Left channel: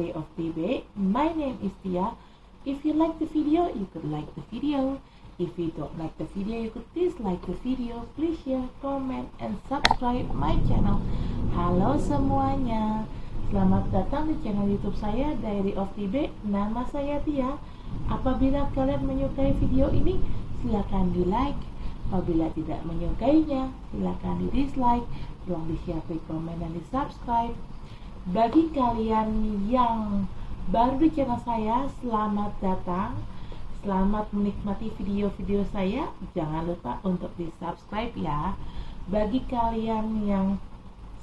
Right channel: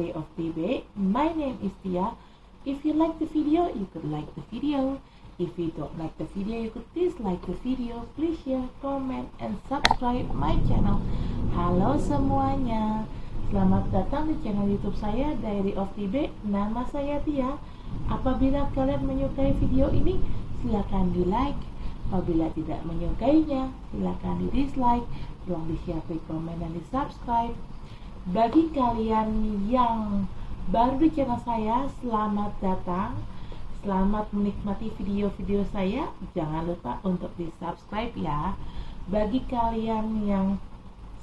Diary of TB. My name is Tia. If you like the video, you could like the video. If you don't like the video, you could dislike the video. Please share, comment, and subscribe my channel. Halo semuanya, selamat datang di channel YouTube saya Diary of TB. Nama saya Tia. Apabila kalian menyukai video ini, silakan di like. Apabila tidak menyukainya, silakan di dislike. Tolong di share, komen, dan di subscribe. Bagi kalian yang baru di channel saya, selamat datang. Selamat menikmati video-video saya. Jangan lupa untuk di subscribe ya. Bagi kalian yang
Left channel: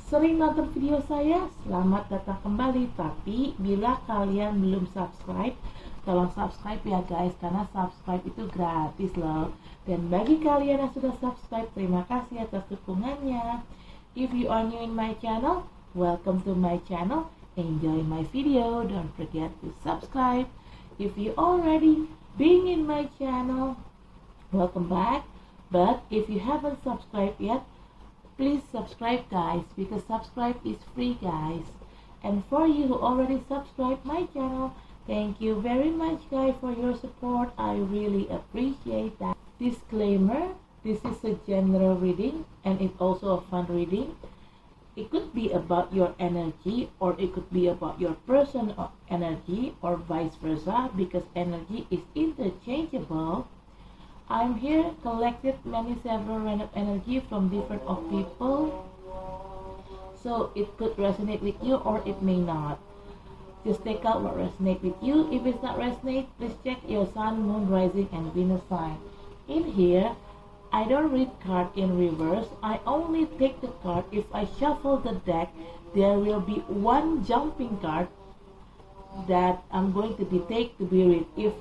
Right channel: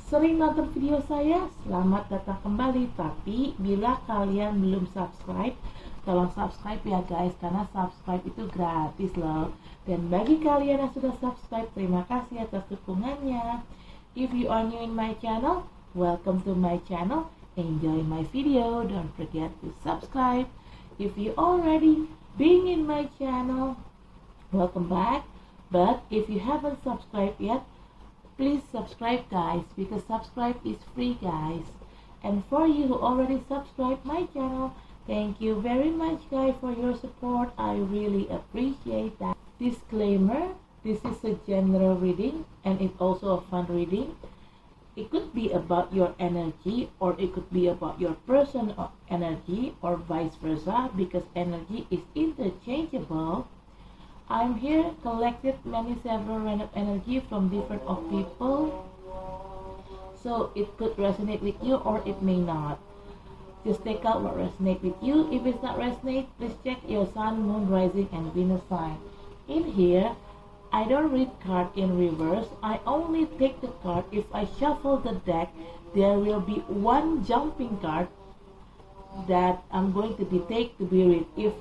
sering nonton video saya, selamat datang kembali. Tapi bila kalian belum subscribe, tolong subscribe ya guys, karena subscribe itu gratis loh. Dan bagi kalian yang sudah subscribe, terima kasih atas dukungannya. If you are new in my channel, welcome to my channel. Enjoy my video. Don't forget to subscribe. If you already been in my channel, welcome back. But if you haven't subscribed yet, please subscribe guys, because subscribe is free guys. And for you who already subscribed my channel, thank you very much guys for your support. I really appreciate that. Disclaimer, this is a general reading and it's also a fun reading. It could be about your energy, or it could be about your person or energy, or vice versa, because energy is interchangeable. I'm here collected several random energy from different of people, so it could resonate with you or it may not. Just take out what resonates with you. If it's not resonate, please check your sun, moon, rising, and Venus sign. In here, I don't read card in reverse. I only take the card. If I shuffle the deck, there will be one jumping card that I'm going to take to be read. If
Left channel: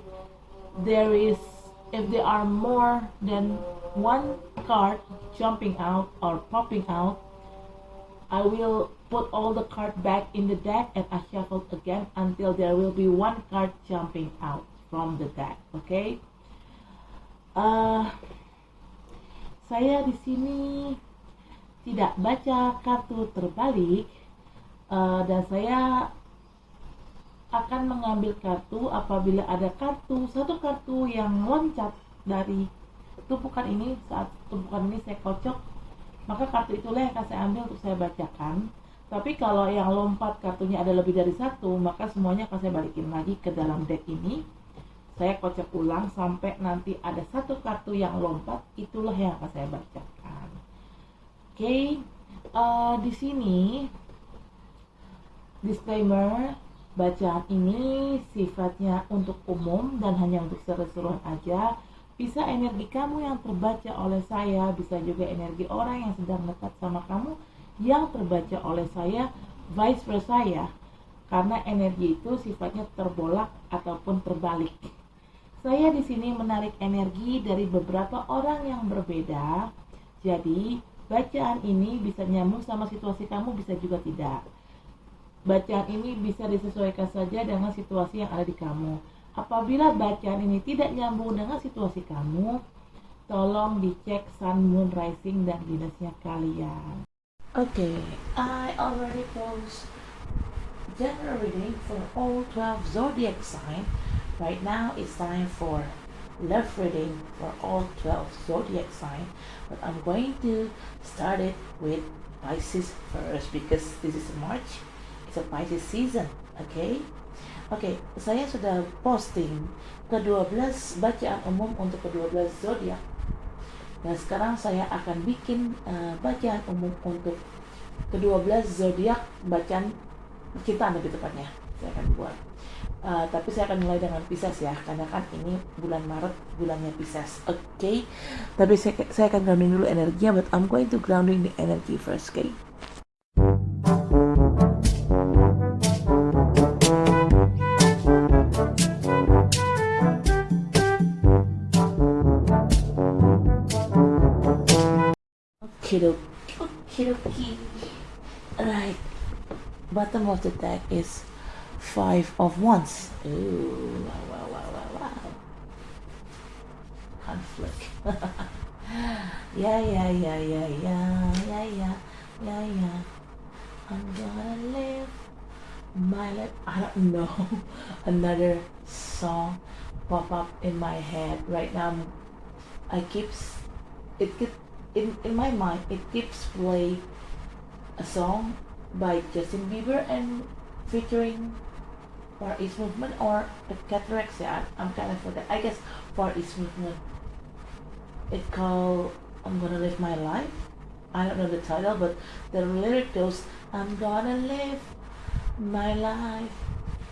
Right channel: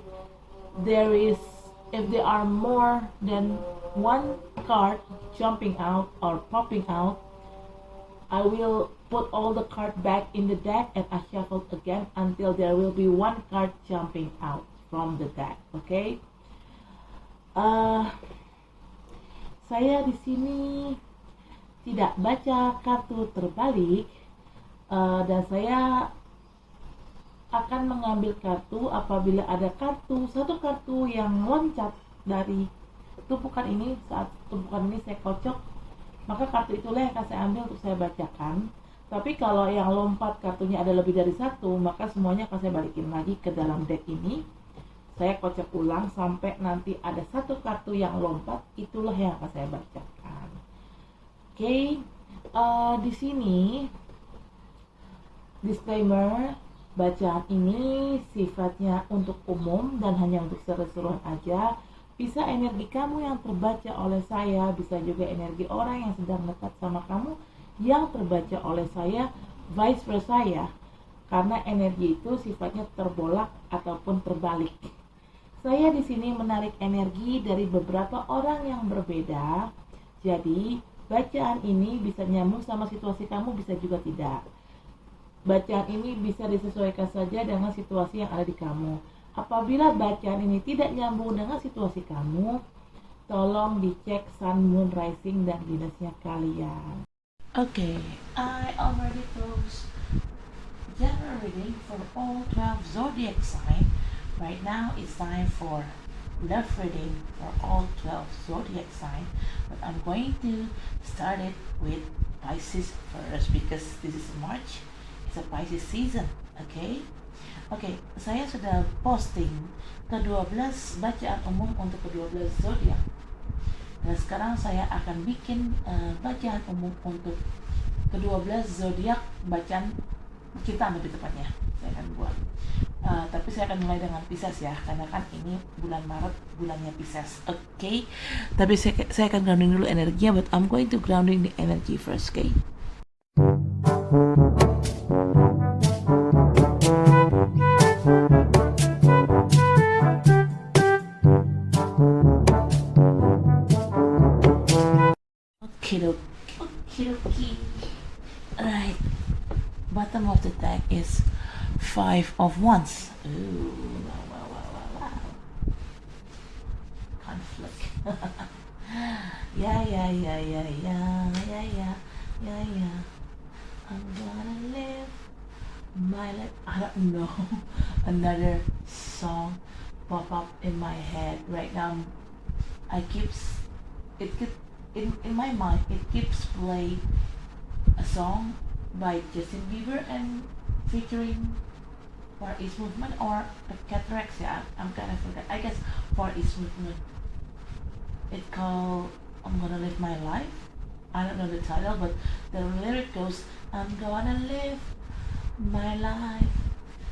there are more than one card jumping out or popping out, I will put all the card back in the deck and I shuffle again until there will be one card jumping out from the deck. Okay? Saya di sini tidak baca kartu terbalik, dan saya akan mengambil kartu apabila ada satu kartu yang loncat dari tumpukan ini. Saat tumpukan ini saya kocok, maka kartu itulah yang akan saya ambil untuk saya bacakan. Tapi kalau yang lompat kartunya ada lebih dari satu, maka semuanya akan saya balikin lagi ke dalam deck ini. Saya kocok ulang sampai nanti ada satu kartu yang lompat, itulah yang akan saya bacakan. Oke, di sini disclaimer, bacaan ini sifatnya untuk umum dan hanya untuk seru-seruan aja. Bisa energi kamu yang terbaca oleh saya, bisa juga energi orang yang sedang dekat sama kamu yang terbaca oleh saya, vice versa ya. Karena energi itu sifatnya terbolak ataupun terbalik. Saya di sini menarik energi dari beberapa orang yang berbeda. Jadi, bacaan ini bisa nyambung sama situasi kamu, bisa juga tidak. Bacaan ini bisa disesuaikan saja dengan situasi yang ada di kamu. Apabila bacaan ini tidak nyambung dengan situasi kamu, tolong dicek sun, moon, rising, dan Venusnya kalian. Okay, I already closed general reading for all 12 zodiac signs. Right now it's time for love reading for all 12 zodiac signs, but I'm going to start it with Pisces first because this is March. It's a Pisces season, okay? Okay, saya sudah posting ke-12 bacaan umum untuk ke-12 zodiak. Dan sekarang saya akan bikin bacaan umum untuk ke-12 zodiak, bacaan percintaan lebih tepatnya. Saya akan buat. Tapi saya akan mulai dengan Pisces ya, karena kan ini bulan Maret, bulannya Pisces. Okay? Tapi saya akan grounding dulu energinya, but I'm going to grounding the energy first, okay? Okay. Alright. Bottom of the deck is 5 of Wands. Ooh, wow. Conflict. Yeah. I'm gonna live my life. No, another song pop up in my head right now. I keeps it keep in my mind. It keeps play a song by Justin Bieber and featuring Far East Movement or the Cataracts. Yeah, I'm kind of forget. I guess Far East Movement. It called "I'm Gonna Live My Life." I don't know the title, but the lyric goes, "I'm gonna live my life."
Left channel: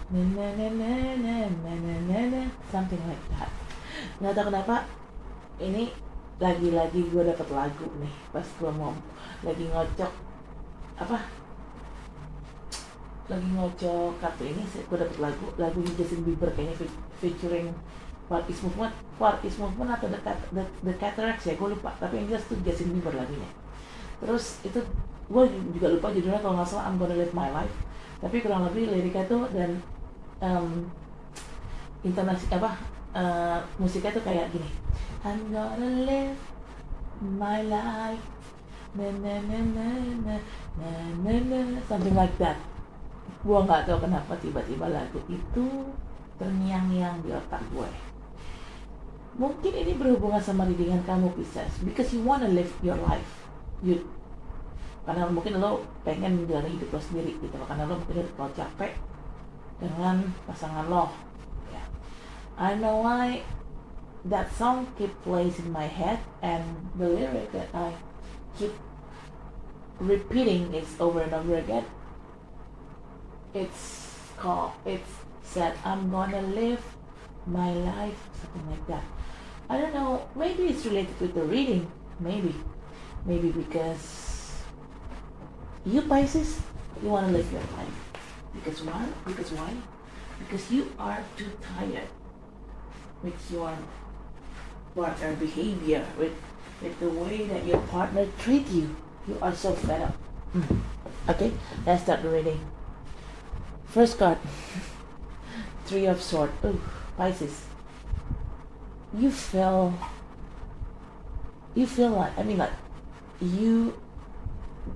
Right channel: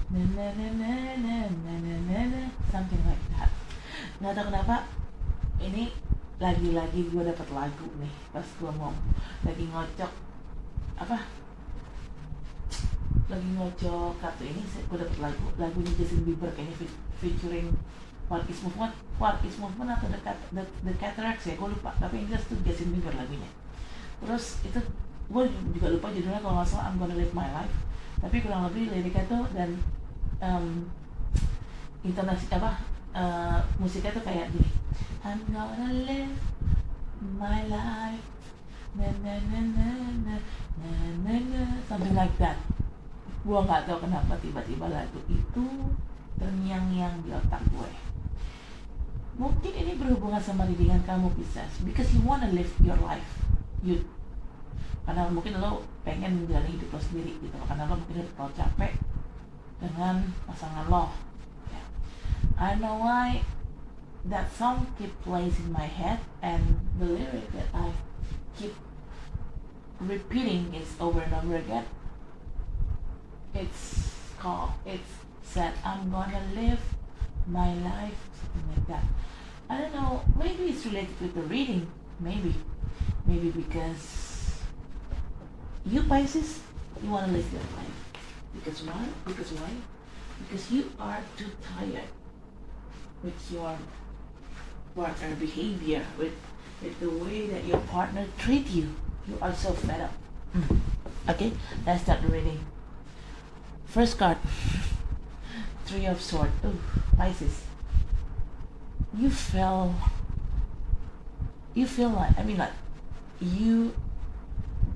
Na, na, na, na, na, na, na, na, na. Something like that. Nggak tahu kenapa ini lagi-lagi gue dapet lagu nih pas gue mau lagi ngocok apa lagi ngocok kartu ini gue dapet lagu Justin Bieber kayaknya featuring What is Movement atau The Cataracts ya, gue lupa, tapi yang jelas tuh Justin Bieber lagunya. Terus itu gue juga lupa judulnya, kalau nggak salah I'm Gonna Live My Life, tapi kurang lebih liriknya tuh dan intonasi musiknya tuh kayak gini, I'm gonna live my life, na na na na na na na na, something like that. Gue nggak tahu kenapa tiba-tiba lagu itu terngiang-ngiang di otak gue. Mungkin ini berhubungan sama dengan kamu, Pisces, because you wanna live your life, karena mungkin lo pengen menjalani hidup lo sendiri gitu, karena lo mungkin udah terlalu capek dengan pasangan lo. I know why that song keep plays in my head, and the lyric that I keep repeating is over and over again. It's said I'm gonna live my life, something like that. I don't know, maybe it's related with the reading, maybe because you Pisces, you wanna live your life. Because why? Because you are too tired with your partner behavior, with the way that your partner treat you. You are so fed up. Okay, let's start the reading. First card, Three of Swords. Oh, Pisces. You feel like, you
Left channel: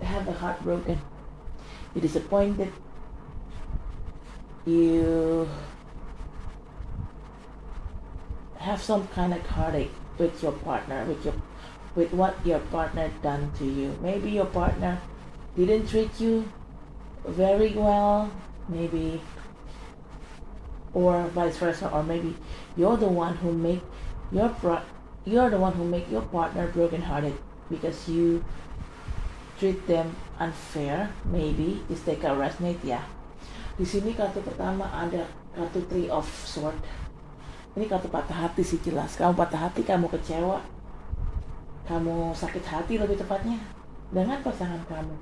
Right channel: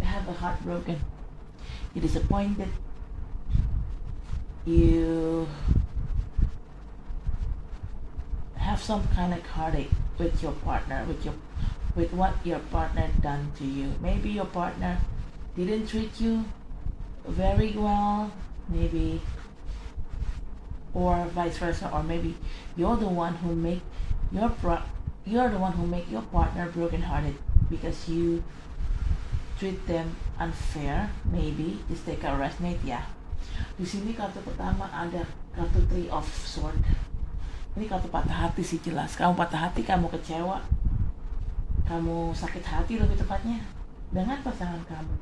have the heart broken. You're disappointed. You have some kind of heartache with your partner, with what your partner done to you. Maybe your partner didn't treat you very well, maybe, or vice versa, or maybe you're the one who make your partner brokenhearted because you treat them unfair. Maybe this take a resonate ya. Di sini kartu pertama ada kartu Three of Swords. Ini kartu patah hati sih, jelas. Kamu patah hati, kamu kecewa, kamu sakit hati lebih tepatnya dengan pasangan kamu.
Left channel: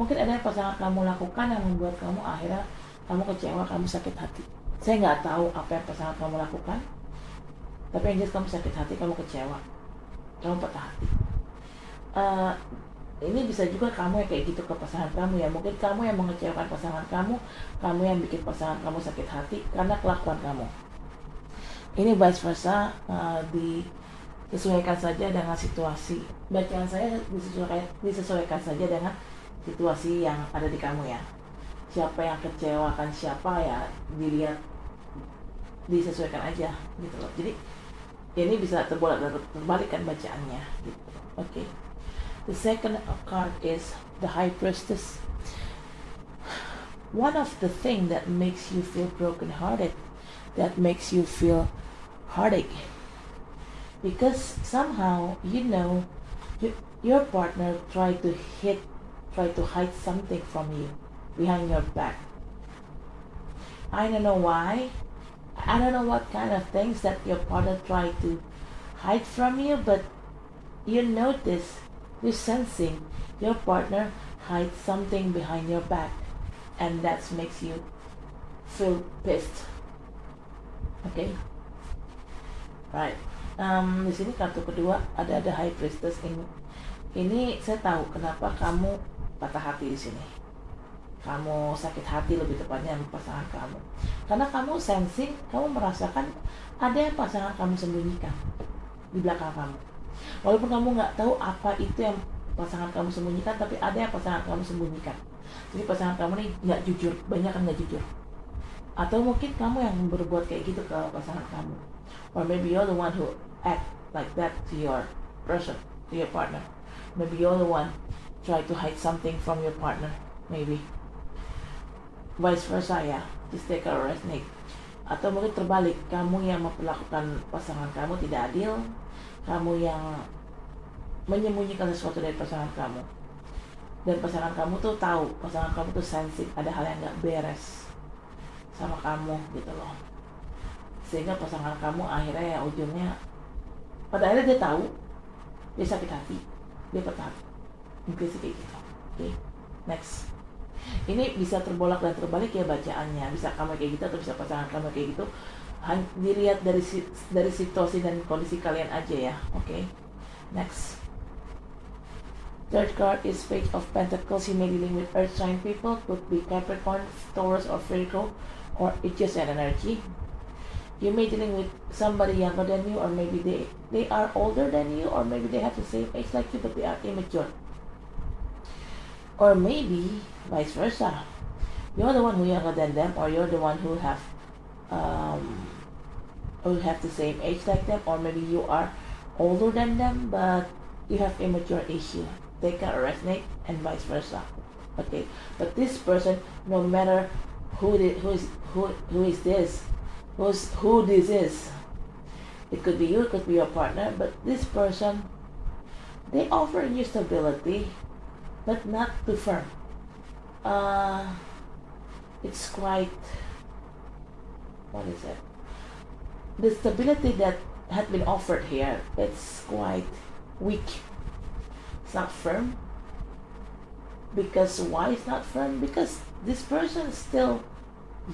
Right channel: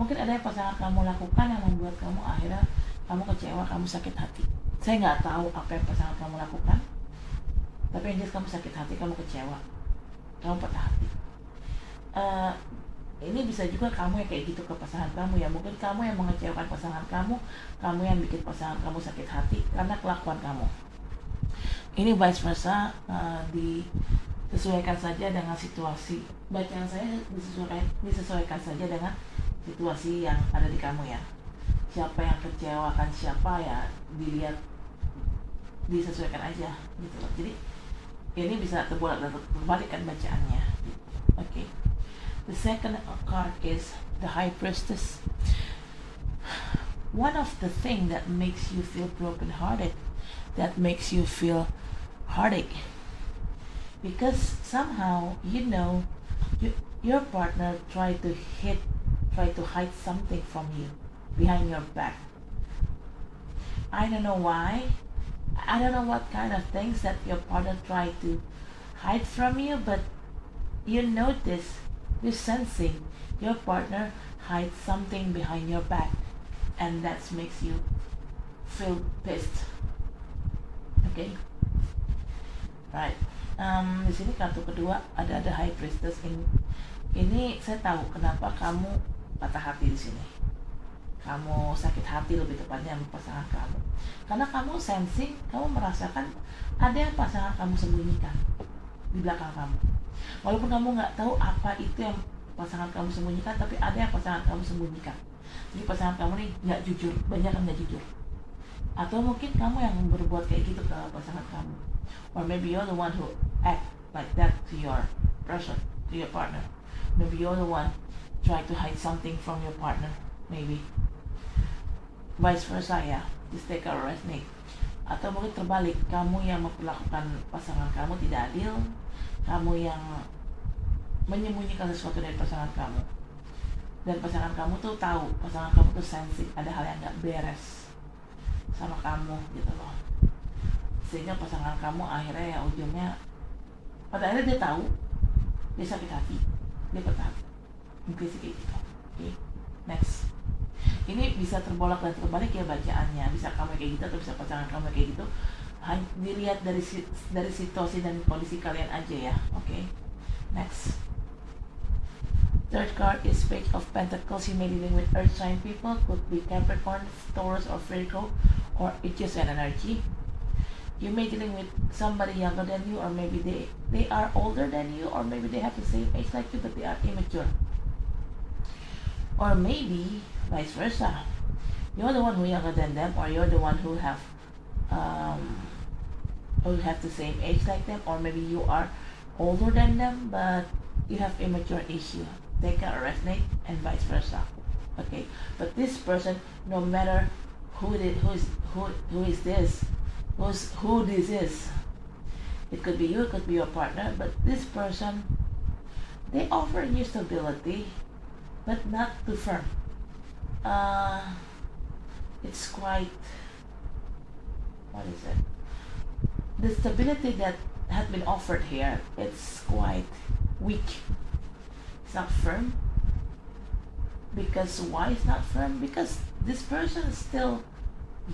Mungkin ada yang pasangan kamu lakukan yang membuat kamu akhirnya kamu kecewa, kamu sakit hati. Saya nggak tahu apa yang pasangan kamu lakukan, tapi yang jelas kamu sakit hati, kamu kecewa, kamu patah hati. Ini bisa juga kamu yang kayak gitu ke pasangan kamu ya. Mungkin kamu yang mengecewakan pasangan kamu yang bikin pasangan kamu sakit hati karena kelakuan kamu. Ini vice versa, disesuaikan saja dengan situasi. Bacaan saya disesuaikan saja dengan situasi yang ada di kamu ya. Siapa yang kecewakan siapa ya, dilihat, disesuaikan aja gitu loh. Jadi ini bisa terbalik kan bacaannya gitu. Okay. The second card is the High Priestess. One of the things that makes you feel brokenhearted, that makes you feel heartache, because somehow your partner try to hide something from you behind your back. I don't know why. I don't know what kind of things that your partner try to hide from you, but you notice, you're sensing your partner hide something behind your back, and that makes you feel pissed. Okay, right. Di sini kartu kedua ada the High Priestess. Ini saya tahu kenapa kamu patah hati di sini. Kamu sakit hati lebih tepatnya sama pasangan kamu, karena kamu sensing, kamu merasakan ada yang pasangan kamu sembunyikan di belakang kamu. Walaupun kamu nggak tahu apa itu yang pasangan kamu sembunyikan, tapi ada yang pasangan kamu sembunyikan. Jadi pasangan kamu nih nggak jujur, banyak yang nggak jujur. Atau mungkin kamu yang berbuat kayak gitu ke pasangan kamu, or maybe you're the one who act like that to your person, to your partner. Maybe you're the one try to hide something from your partner, maybe vice versa ya, just take or resonate. Atau mungkin terbalik, kamu yang memperlakukan pasangan kamu tidak adil, kamu yang menyembunyikan sesuatu dari pasangan kamu, dan pasangan kamu tuh tahu, pasangan kamu tuh sensitif, ada hal yang gak beres sama kamu gitu loh, sehingga pasangan kamu akhirnya ya ujungnya, pada akhirnya dia tahu, dia sakit hati, dia petah, mungkin sih kayak gitu. Oke, next. Ini bisa terbolak dan terbalik ya bacaannya, bisa kamu kayak gitu atau bisa pasangan kamu kayak gitu. Dilihat dari situasi dan kondisi kalian aja ya. Oke, next. Third card is Page of Pentacles. You may be dealing with Earth sign people, could be Capricorn, Taurus, or Virgo, or it's just an energy. You may be dealing with somebody younger than you, or maybe they are older than you, or maybe they have the same age like you, but they are immature. Or maybe vice versa. You're the one who younger than them, or you're the one who have the same age like them, or maybe you are older than them, but you have immature issue. They can resonate, and vice versa. Okay, but this person, no matter who this is, it could be you, it could be your partner, but this person, they offer you stability, but not too firm. It's quite, what is it? The stability that had been offered here, it's quite weak. It's not firm. Because why it's not firm? Because this person is still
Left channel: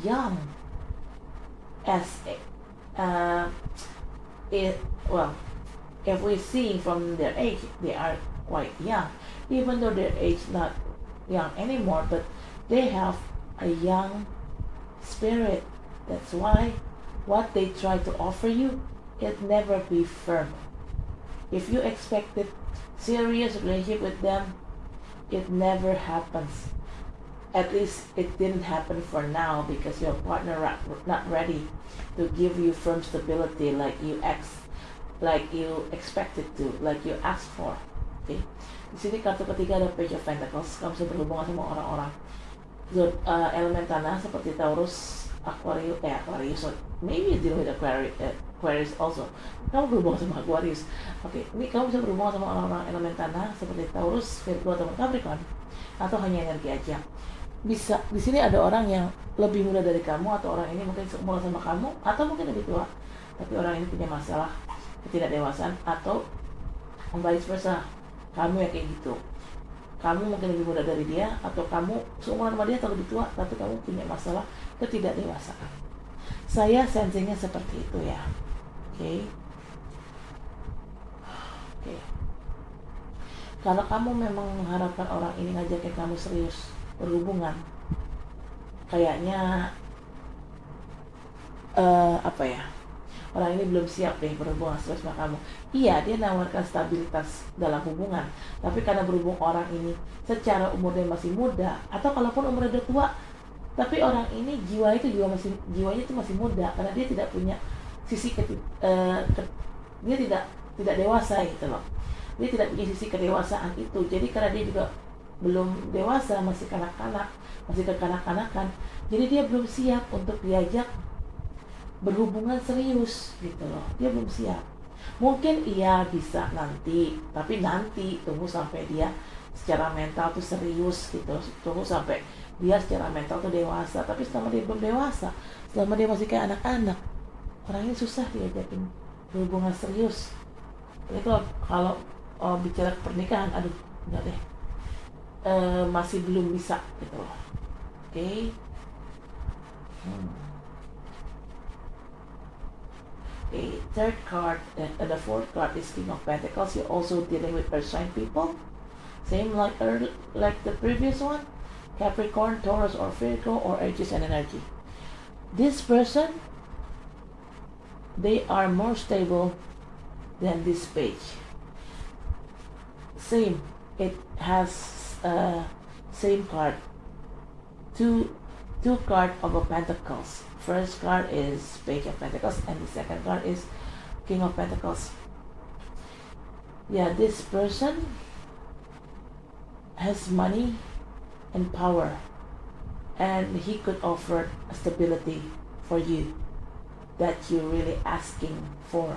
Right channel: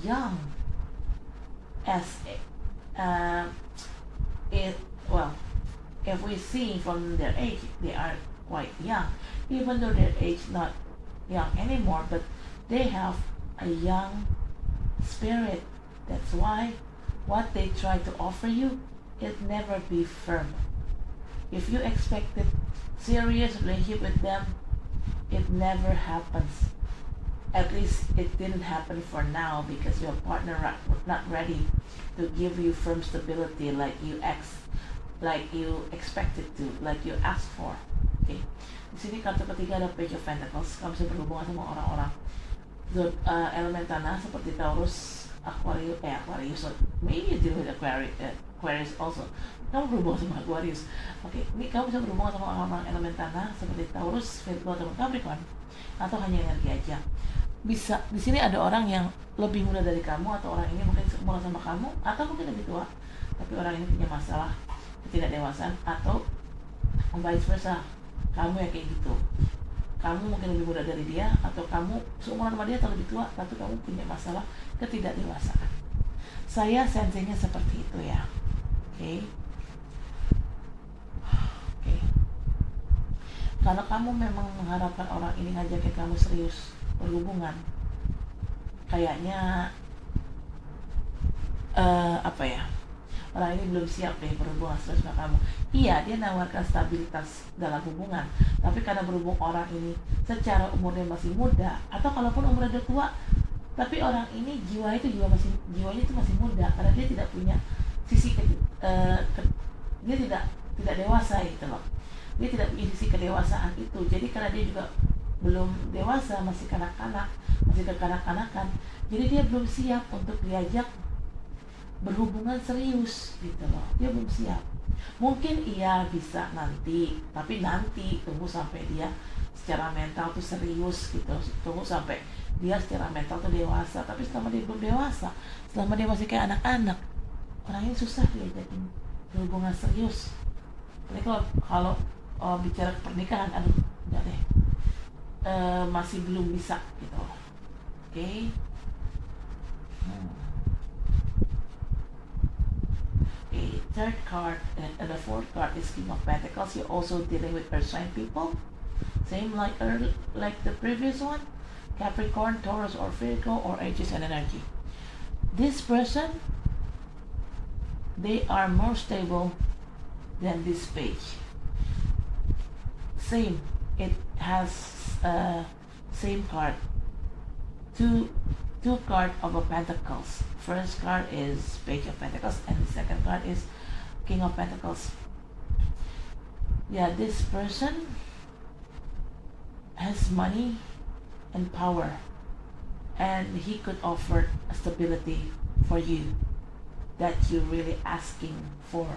young. If we see from their age, they are quite young. Even though their age not young anymore, but they have a young spirit. That's why what they try to offer you, it never be firm. If you expected serious relationship with them, it never happens. At least it didn't happen for now, because your partner not ready to give you firm stability like you expected to, like you asked for. Okay. Di sini kartu ketiga ada Page of Pentacles. Kamu bisa berhubungan sama orang-orang elemen tanah seperti Taurus, Aquarius. Maybe you deal with Aquarius also. Kamu berhubungan sama Aquarius. Oke, ini kamu bisa berhubungan sama orang-orang elemen tanah seperti Taurus, Virgo, atau Capricorn, atau hanya energi aja. Bisa di sini ada orang yang lebih muda dari kamu, atau orang ini mungkin seumur sama kamu, atau mungkin lebih tua, tapi orang ini punya masalah ketidakdewasaan, atau vice versa. Kamu yang kayak gitu, kamu mungkin lebih muda dari dia, atau kamu seumuran sama dia atau lebih tua, tapi kamu punya masalah ketidakdewasaan. Saya sensingnya seperti itu ya. Oke. Kalau kamu memang mengharapkan orang ini ngajakin kamu serius berhubungan, kayaknya orang ini belum siap deh berhubungan serius sama kamu. Iya, dia menawarkan stabilitas dalam hubungan, tapi karena berhubung orang ini secara umurnya masih muda, atau kalaupun umurnya udah tua, tapi orang ini jiwanya itu masih muda, karena dia tidak punya sisi dia tidak dewasa gitu loh. Dia tidak punya sisi kedewasaan itu. Jadi karena dia juga belum dewasa, masih kanak-kanak, masih kekanak-kanakan, jadi dia belum siap untuk diajak berhubungan serius gitu loh. Dia belum siap. Mungkin iya bisa nanti, tapi nanti tunggu sampai dia secara mental tuh serius gitu. Tunggu sampai dia secara mental tuh dewasa. Tapi selama dia belum dewasa, selama dia masih kayak anak-anak, orang ini susah diajakin berhubungan serius. Jadi kalau bicara pernikahan, aduh enggak deh, masih belum bisa gitu. Oke. The third card and the fourth card is King of Pentacles. You're also dealing with earth sign people, same like the previous one, Capricorn, Taurus, or Virgo, or Aries and energy. This person, they are more stable than this page. Same, it has same card, two two cards of Pentacles. First card is Page of Pentacles, and the second card is King of Pentacles. Yeah, this person has money and power, and he could offer stability for you that you're really asking for,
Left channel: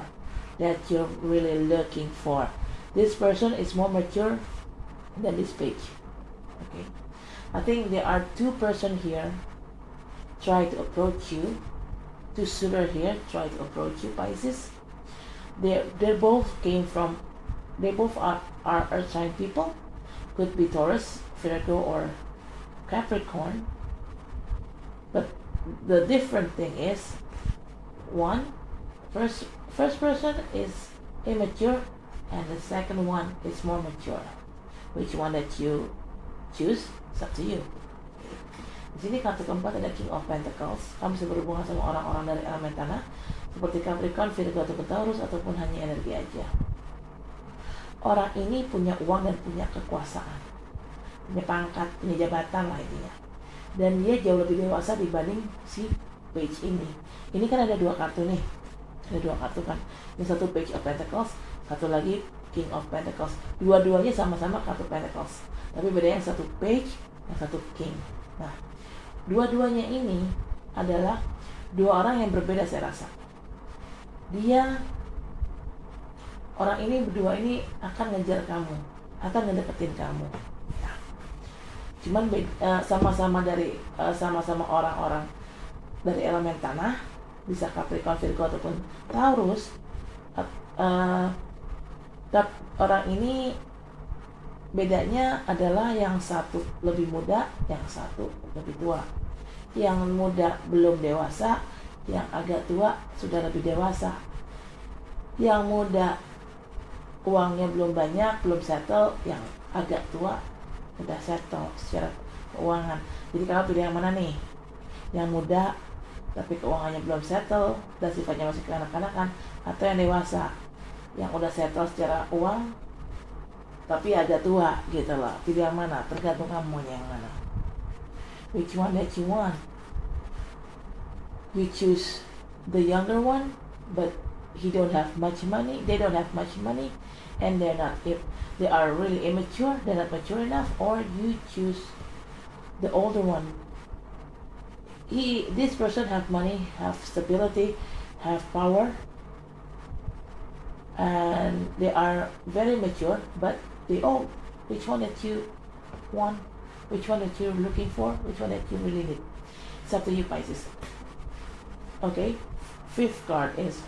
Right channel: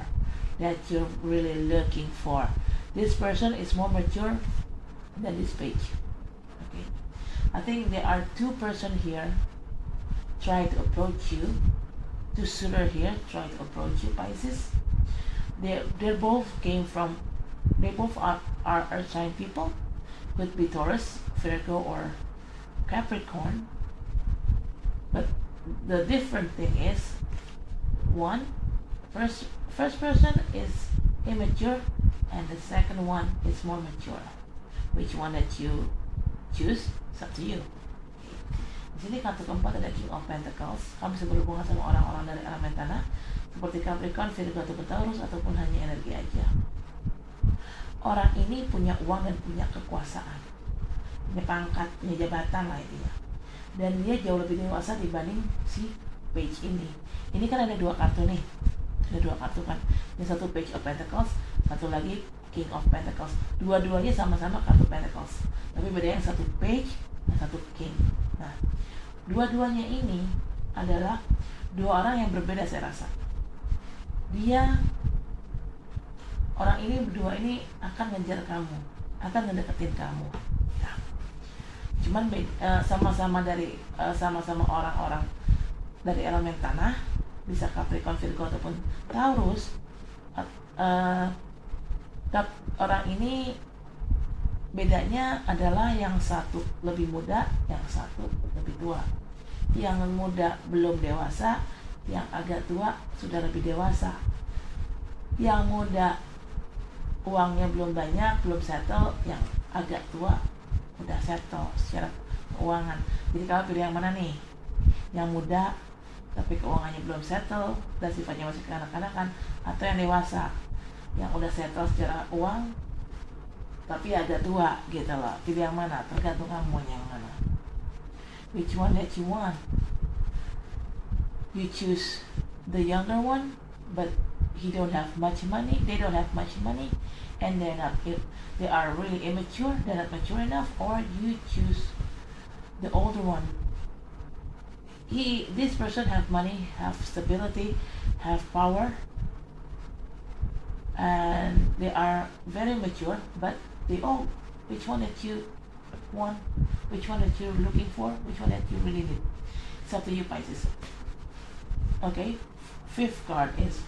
that you're really looking for. This person is more mature than this page. Okay, I think there are two persons here try to approach you. Two suitor here try to approach you, Pisces. They both are earth sign people. Could be Taurus, Virgo, or Capricorn. But the different thing is, first person is immature, and the second one is more mature. Which one that you choose, it's up to you. Di sini kartu keempat ada King of Pentacles. Kamu bisa berhubungan sama orang-orang dari elemen tanah, seperti Capricorn, Virgo, atau Taurus, ataupun hanya energi aja. Orang ini punya uang dan punya kekuasaan, punya pangkat, punya jabatan lah intinya. Dan dia jauh lebih dewasa dibanding si page ini. Ini kan ada dua kartu nih, ada dua kartu kan. Ini satu Page of Pentacles, satu lagi King of Pentacles. Dua-duanya sama-sama kartu Pentacles, tapi bedanya yang satu Page, yang satu King. Nah, dua-duanya ini adalah dua orang yang berbeda saya rasa. Orang ini berdua ini akan ngejar kamu, akan ngedeketin kamu. Ya. Cuman sama-sama orang-orang dari elemen tanah, bisa Capricorn, Virgo, ataupun Taurus. Orang ini bedanya adalah yang satu lebih muda, yang satu lebih tua. Yang muda belum dewasa, yang agak tua sudah lebih dewasa. Yang muda uangnya belum banyak, belum settle, yang agak tua udah settle secara keuangan. Jadi kamu pilih yang mana nih? Yang muda tapi keuangannya belum settle dan sifatnya masih kekanak-kanakan, atau yang dewasa yang udah settle secara uang tapi agak tua gitu loh. Pilih yang mana? Tergantung kamu yang mana. Which one that you want? You choose the younger one, but he don't have much money, they don't have much money, and they are really immature, they're not mature enough. Or you choose the older one. This person have money, have stability, have power, and they are very mature, but they old. Which one that you want? Which one that you're looking for? Which one that you really need? It's up to you, Pisces. Okay, fifth card is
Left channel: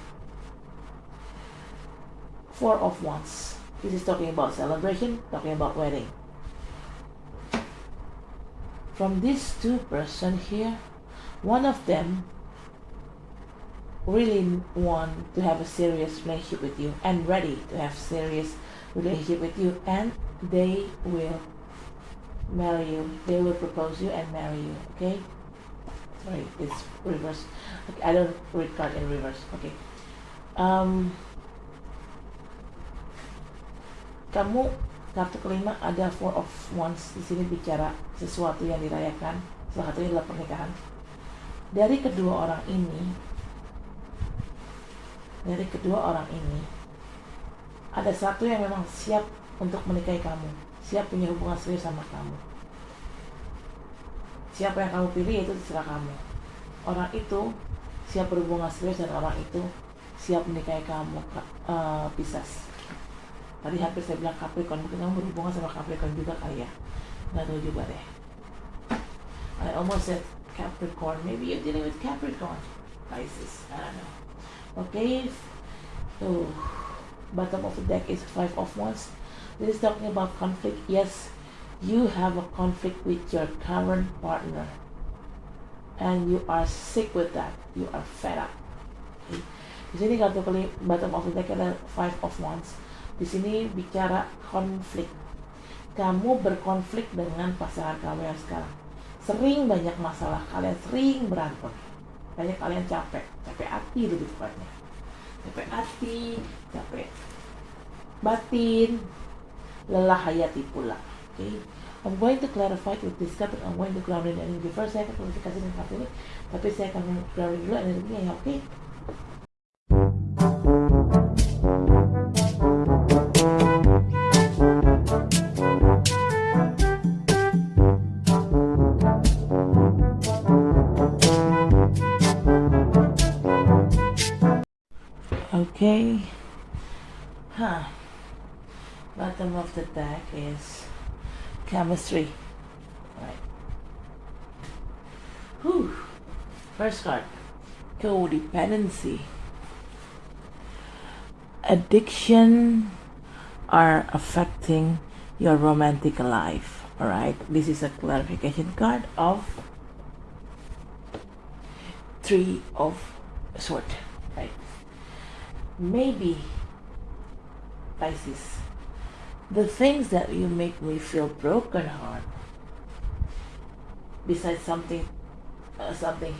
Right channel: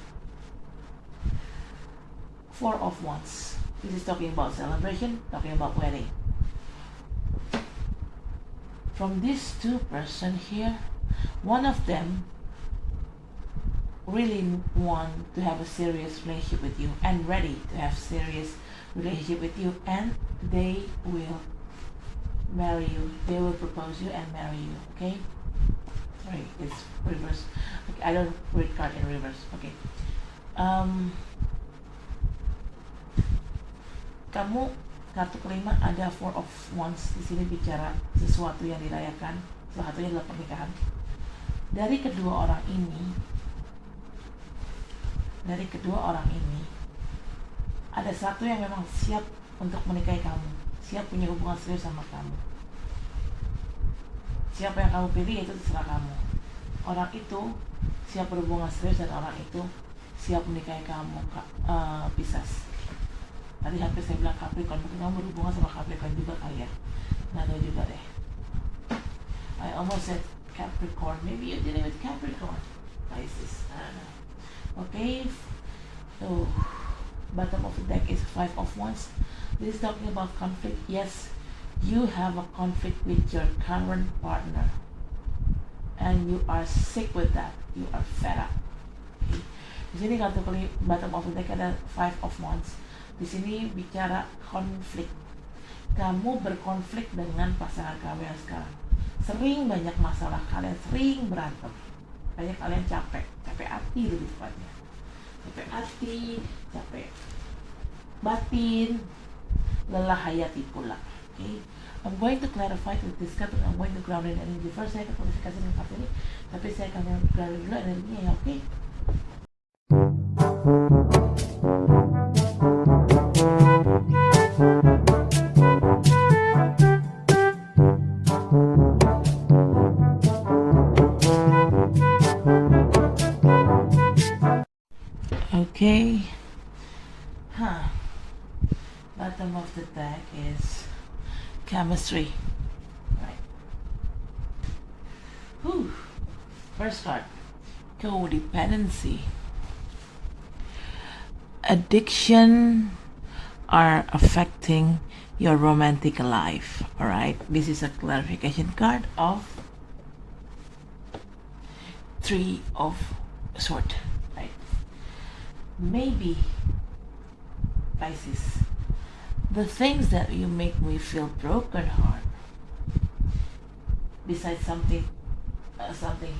Four of Wands. This is talking about celebration, talking about wedding. From these two person here, one of them really want to have a serious relationship with you and ready to have serious relationship with you, and they will marry you. They will propose you and marry you. Okay. Sorry, it's reverse. Okay, I don't read card in reverse. Okay. Kamu kartu kelima ada Four of Wands. Di sini bicara sesuatu yang dirayakan, salah satunya adalah pernikahan. Dari kedua orang ini, ada satu yang memang siap untuk menikahi kamu, siap punya hubungan serius sama kamu. Siapa yang kamu pilih itu terserah kamu. Orang itu siap berhubungan serius dan orang itu siap menikahi kamu, Pisces. Tadi hampir saya bilang Capricorn, mungkin kamu berhubungan sama Capricorn juga kali ya. Nggak tahu juga deh. I almost said Capricorn. Maybe you're dealing with Capricorn, Pisces. I don't know. Okay. So, bottom of the deck is Five of Wands. This is talking about conflict. Yes, you have a conflict with your current partner, and you are sick with that. You are fed up. Okay. Di sini kartu bottom of the deck ada Five of Wands. Di sini bicara konflik. Kamu berkonflik dengan pasangan kamu yang sekarang. Sering banyak masalah, kalian sering berantem. Banyak kalian capek hati lebih tepatnya. Capek hati, capek batin, lelah hayati pula. Okay? I'm going to clarify with this card, I'm going to ground in energy first. Saya akan kasih kartu ini, tapi saya akan ground dulu energinya ya, oke? Okay. Bottom of the deck is chemistry. Right. Whew. First card, codependency. Addiction are affecting your romantic life. All right. This is a clarification card of Three of Swords. Right. Maybe Pisces. The things that you make me feel broken heart, besides something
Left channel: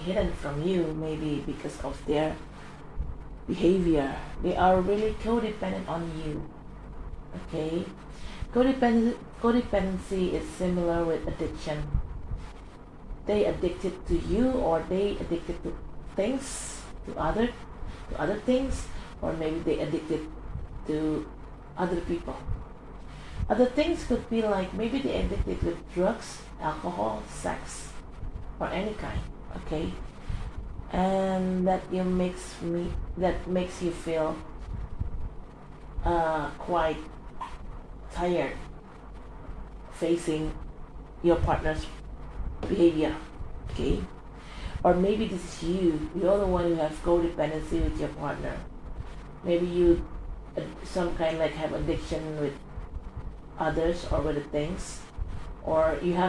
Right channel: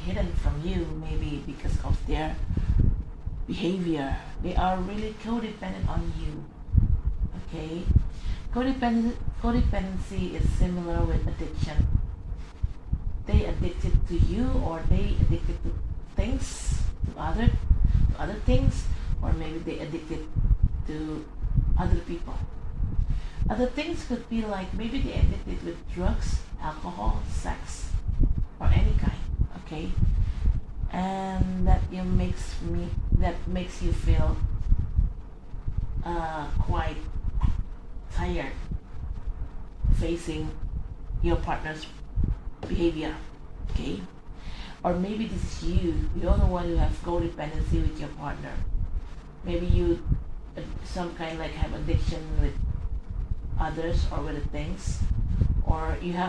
hidden from you, maybe because of their behavior, they are really codependent on you. Okay, codependency is similar with addiction. They addicted to you, or they addicted to things, to other things, or maybe they addicted to other people. Other things could be like maybe they addicted with drugs, alcohol, sex, or any kind. Okay, and that makes you feel quite tired facing your partner's behavior. Okay, or maybe this is you're the one who has codependency with your partner. Maybe you some kind like have addiction with others or with the things, or you're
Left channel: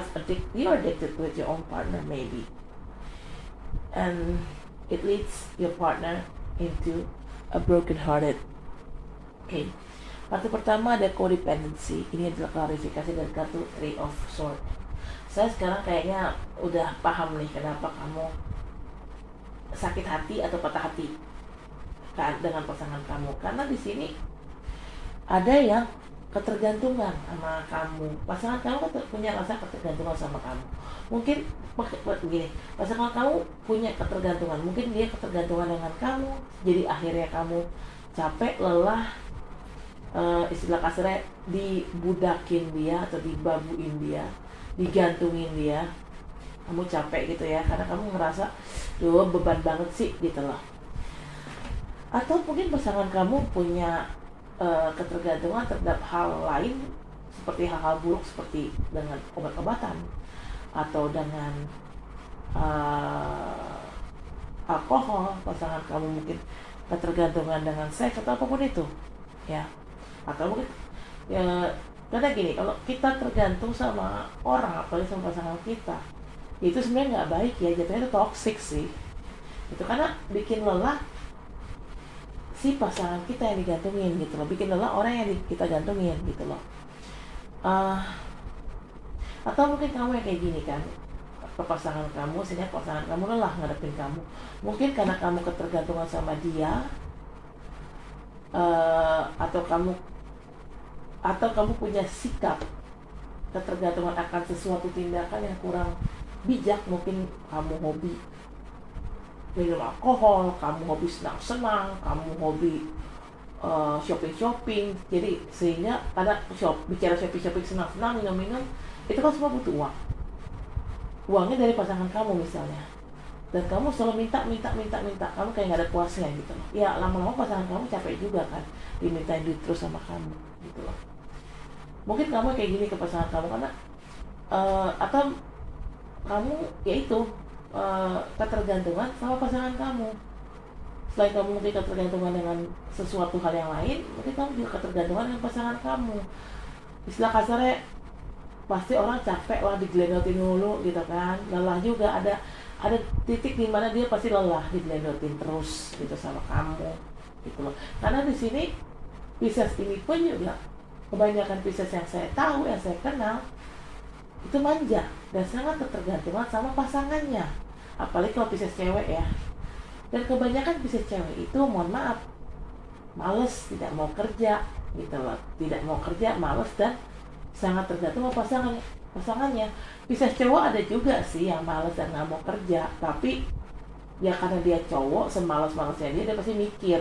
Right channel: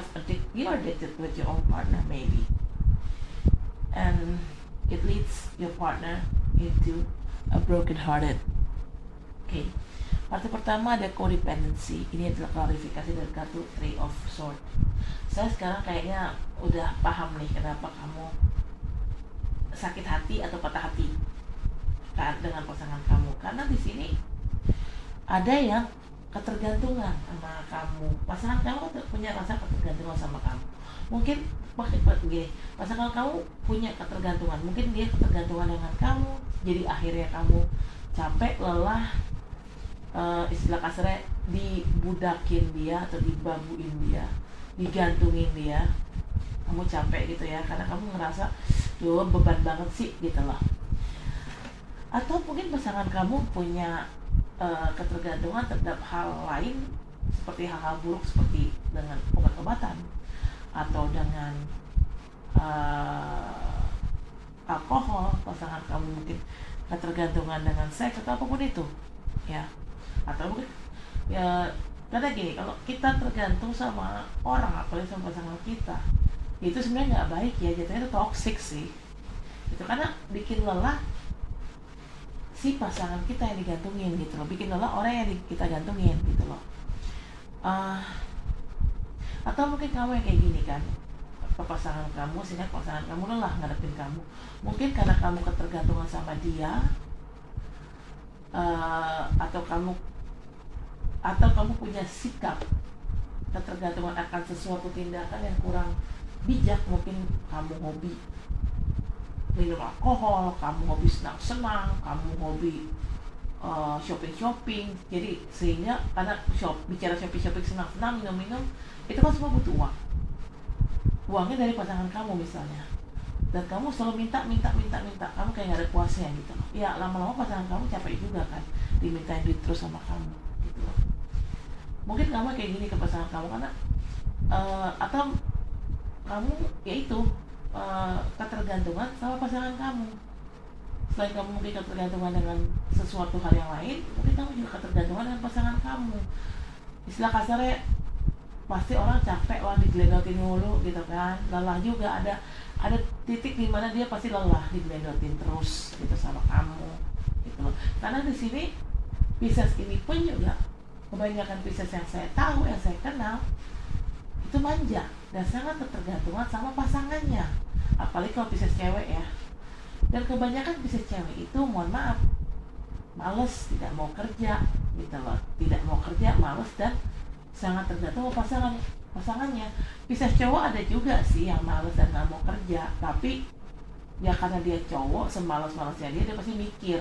addicted with your own partner maybe, and it leads your partner into a broken-hearted. Okay, kartu pertama ada codependency. Ini adalah klarifikasi dari kartu Three of Swords. Saya sekarang kayaknya udah paham nih kenapa kamu sakit hati atau patah hati dengan pasangan kamu, karena di sini ada yang ketergantungan sama kamu. Pasangan kamu punya rasa ketergantungan sama kamu. Mungkin begini, pasangan kamu punya ketergantungan, mungkin dia ketergantungan dengan kamu, jadi akhirnya kamu capek, lelah, istilah kasarnya dibudakin dia atau dibabuin dia, digantungin dia. Kamu capek gitu ya, karena kamu ngerasa duh beban banget sih gitu loh. Atau mungkin pasangan kamu punya ketergantungan terhadap hal lain, seperti hal-hal buruk seperti dengan obat-obatan atau dengan alkohol. Pasangan kamu mungkin ketergantungan dengan seks atau apapun itu ya. Atau mungkin ya, karena gini, kalau kita tergantung sama orang apalagi sama pasangan kita, itu sebenarnya nggak baik ya, jatuhnya itu toxic sih itu, karena bikin lelah si pasangan kita yang digantungin gitu loh, bikin lelah orang yang kita gantungin gitu loh. Atau mungkin kamu yang kayak gini kan ke pasangan kamu, sehingga pasangan kamu lelah ngadepin kamu, mungkin karena kamu ketergantungan sama dia, atau kamu punya sikap ketergantungan akan sesuatu tindakan yang kurang bijak. Mungkin kamu hobi minum alkohol, kamu hobi senang-senang, kamu hobi shopping-shopping. Jadi sehingga karena bicara shopping-shopping, senang-senang, minum-minum, itu kan semua butuh uang. Uangnya dari pasangan kamu misalnya, dan kamu selalu minta, kamu kayak nggak ada puasnya gitu. Ya lama-lama pasangan kamu capek juga kan, dimintain duit terus sama kamu gitu loh. Mungkin kamu kayak gini ke pasangan kamu karena atau kamu yaitu ketergantungan sama pasangan kamu. Selain kamu mungkin ketergantungan dengan sesuatu hal yang lain, mungkin kamu juga ketergantungan dengan pasangan kamu. Istilah kasarnya, pasti orang capek lah digeledotin mulu gitu kan, lelah juga, ada titik di mana dia pasti lelah digeledotin terus gitu sama kamu gitu loh. Karena di sini Pisces ini pun juga, kebanyakan Pisces yang saya tahu, yang saya kenal, itu manja dan sangat ketergantungan sama pasangannya. Apalagi kalau Pisces cewek ya. Dan kebanyakan Pisces cewek itu, mohon maaf, males, tidak mau kerja gitu loh, tidak mau kerja, males, dan sangat tergantung sama pasangan. pasangannya. Pisces cowok ada juga sih yang males dan nggak mau kerja, tapi ya karena dia cowok, semalas-malasnya dia pasti mikir,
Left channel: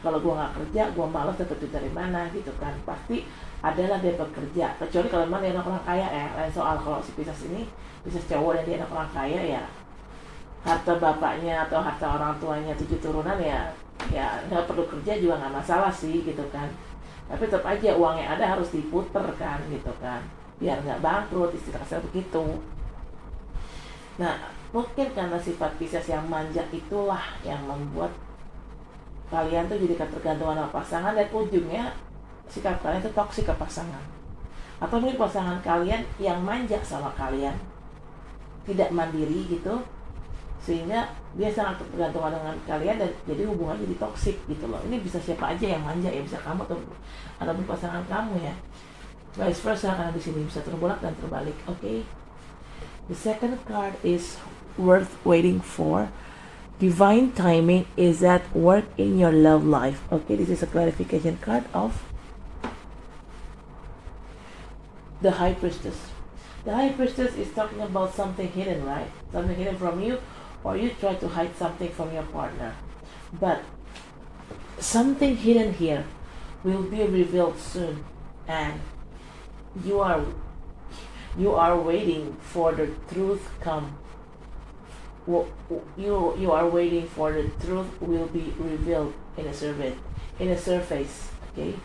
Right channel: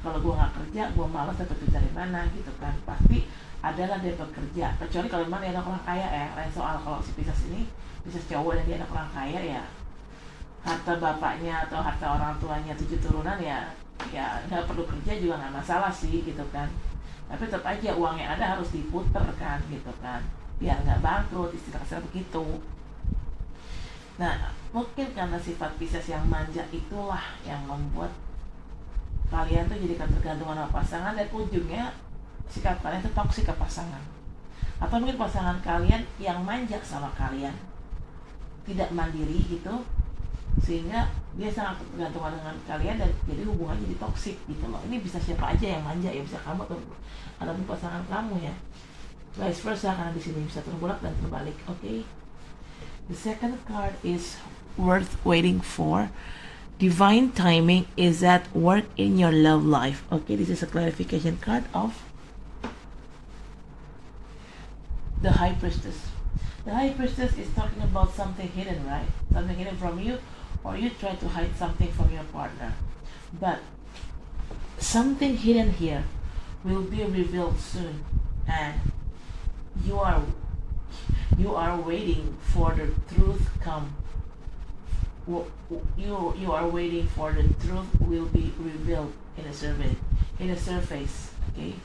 kalau gua nggak kerja, gua malas dapat duit dari mana gitu kan. Pasti adalah dia bekerja, kecuali kalau memang dia anak orang kaya ya. Lain soal. Kalau si Pisces ini, Pisces cowok dan dia anak orang kaya ya, harta bapaknya atau harta orang tuanya 7 turunan ya nggak perlu kerja juga nggak masalah sih gitu kan. Tapi tetap aja uang yang ada harus diputer kan gitu kan, biar nggak bangkrut, istilah kasar begitu. Nah, mungkin karena sifat Pisces yang manja itulah yang membuat kalian tuh jadi ketergantungan sama pasangan, dan ujungnya sikap kalian tuh toksik ke pasangan. Atau mungkin pasangan kalian yang manja sama kalian, tidak mandiri gitu, sehingga dia sangat tergantung dengan kalian dan jadi hubungannya jadi toksik gitu loh. Ini bisa siapa aja yang manja ya, bisa kamu ataupun pasangan kamu ya, vice versa, karena di sini bisa terbolak dan terbalik. Okay, the second card is worth waiting for. Divine timing is at work in your love life. Okay, this is a clarification card of the High Priestess. The High Priestess is talking about something hidden, right? Something hidden from you, or you try to hide something from your partner. But something hidden here will be revealed soon, and you are waiting for the truth come. You are waiting for the truth will be revealed in a surface. Okay.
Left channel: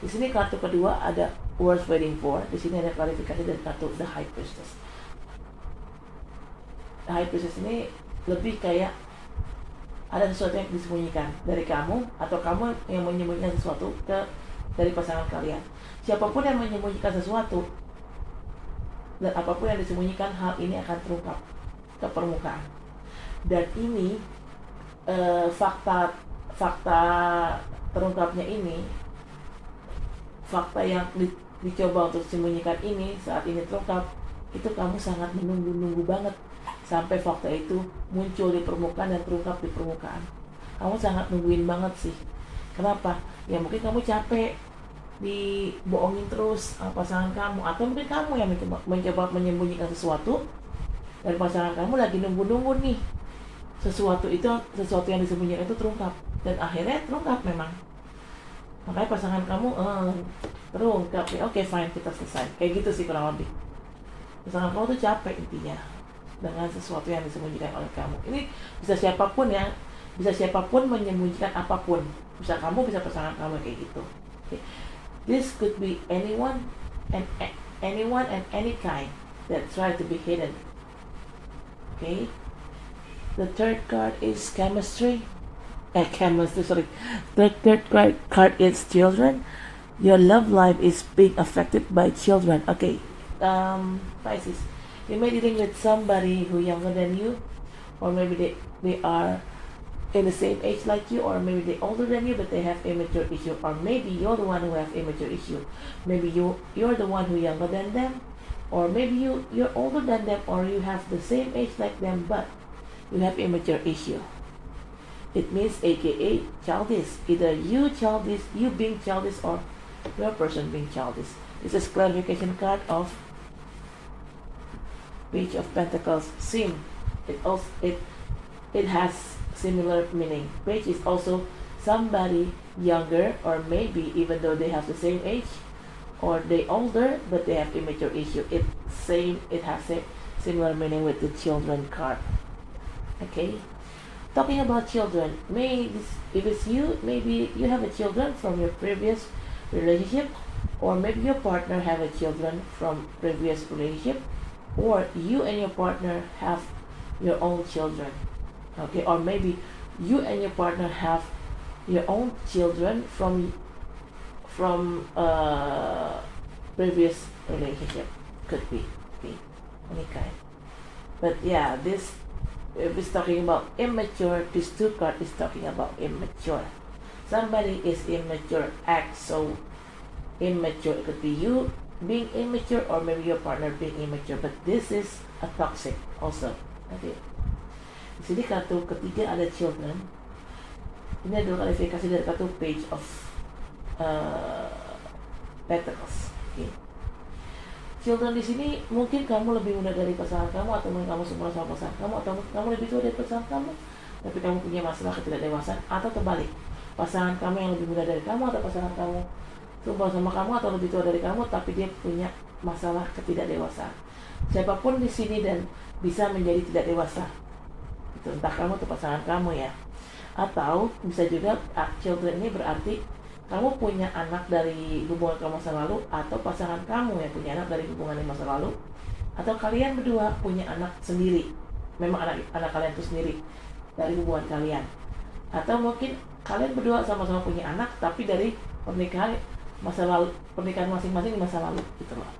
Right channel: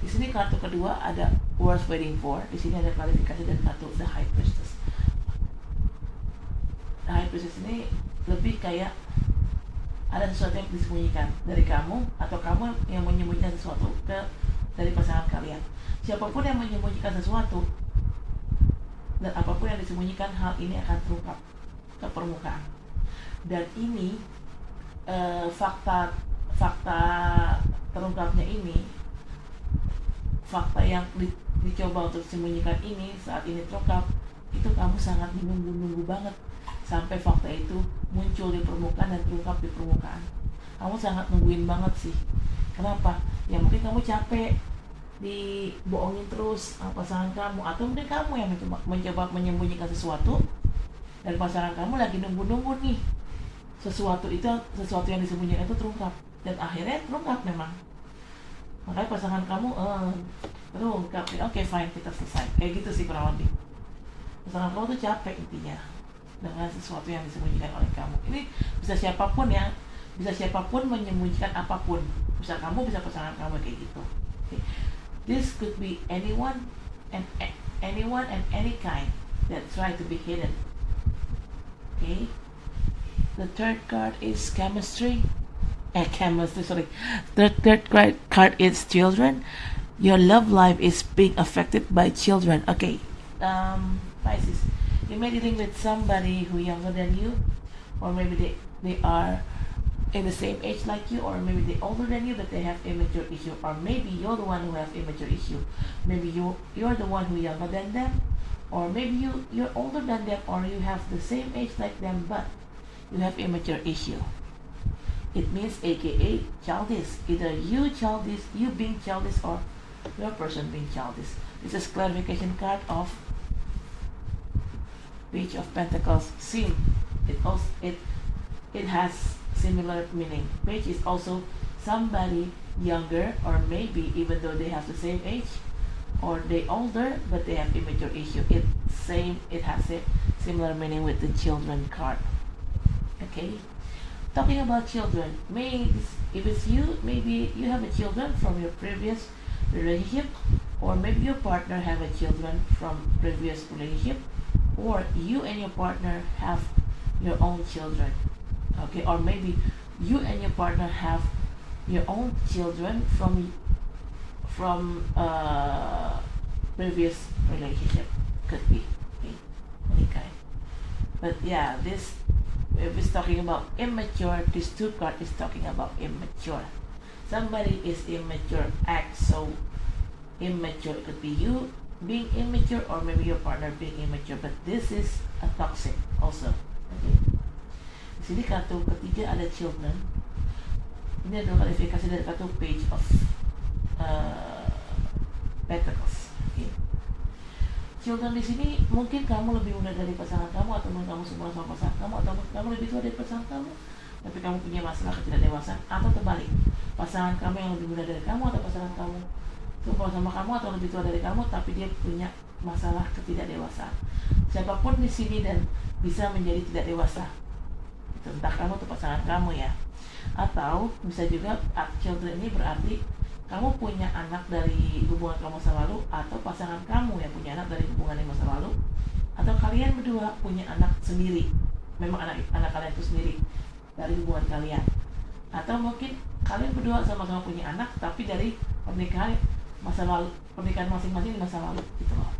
Di sini kartu kedua ada worth waiting for. Di sini ada klarifikasi dari kartu the High Priestess. The High Priestess ini lebih kayak ada sesuatu yang disembunyikan dari kamu, atau kamu yang menyembunyikan sesuatu dari pasangan kalian. Siapapun yang menyembunyikan sesuatu dan apapun yang disembunyikan, hal ini akan terungkap ke permukaan. Dan ini fakta terungkapnya ini, fakta yang dicoba untuk disembunyikan ini saat ini terungkap, itu kamu sangat menunggu banget sampai fakta itu muncul di permukaan dan terungkap di permukaan. Kamu sangat nungguin banget sih. Kenapa? Ya mungkin kamu capek dibohongin terus sama pasangan kamu, atau mungkin kamu yang mencoba menyembunyikan sesuatu dan pasangan kamu lagi nunggu nih sesuatu yang disembunyikan itu terungkap, dan akhirnya terungkap memang. Makanya pasangan kamu terungkap nih, oke fine, kita selesai, kayak gitu sih kurang lebih. Pasangan kamu tuh capek intinya dengan sesuatu yang disembunyikan oleh kamu. Ini bisa siapapun menyembunyikan apapun, bisa kamu, bisa pasangan kamu, kayak gitu. Okay. This could be anyone and any kind that try to be hidden. Okay. The third card is chemistry. The third card is children. Your love life is being affected by children. Okay. Pisces, you may be dealing with somebody who younger than you, or maybe they are in the same age like you, or maybe they're older than you but they have immature issue, or maybe you're the one who have immature issue. Maybe you're the one who younger than them, or maybe you're older than them, or you have the same age like them but you have immature issue. It means aka childish. Either you being childish, or your person being childish. This is clarification card of Page of Pentacles. Sim. It has similar meaning. Page is also somebody younger, or maybe even though they have the same age, or they older but they have immature issue. It has a similar meaning with the children card. Okay, talking about children, if it's you, maybe you have a children from your previous relationship, or maybe your partner have a children from previous relationship, or you and your partner have your own children. Okay, or maybe you and your partner have your own children from previous relationship. Could be any kind. But yeah, this, if it's talking about immature, this two card is talking about immature. Somebody is immature, act so immature. It could be you being immature, or maybe your partner being immature. But this is a toxic also. Okay. Di sini kartu ketiga ada children. Ini adalah klarifikasi dari kartu Page of Pentacles. Okay. children di sini mungkin kamu lebih muda dari pasangan kamu, atau mungkin kamu semua sama pasangan kamu, atau kamu lebih tua dari pasangan kamu tapi kamu punya masalah ketidakdewasaan, atau terbalik, pasangan kamu yang lebih muda dari kamu atau pasangan kamu semua sama kamu atau lebih tua dari kamu tapi dia punya masalah ketidakdewasaan. Siapapun di sini dan bisa menjadi tidak dewasa, itu entah kamu atau pasangan kamu ya. Atau bisa juga children ini berarti kamu punya anak dari hubungan kamu masa lalu, atau pasangan kamu yang punya anak dari hubungan yang masa lalu, atau kalian berdua punya anak sendiri, memang anak kalian itu sendiri dari hubungan kalian, atau mungkin kalian berdua sama-sama punya anak tapi dari pernikahan masa lalu, pernikahan masing-masing di masa lalu gitu loh.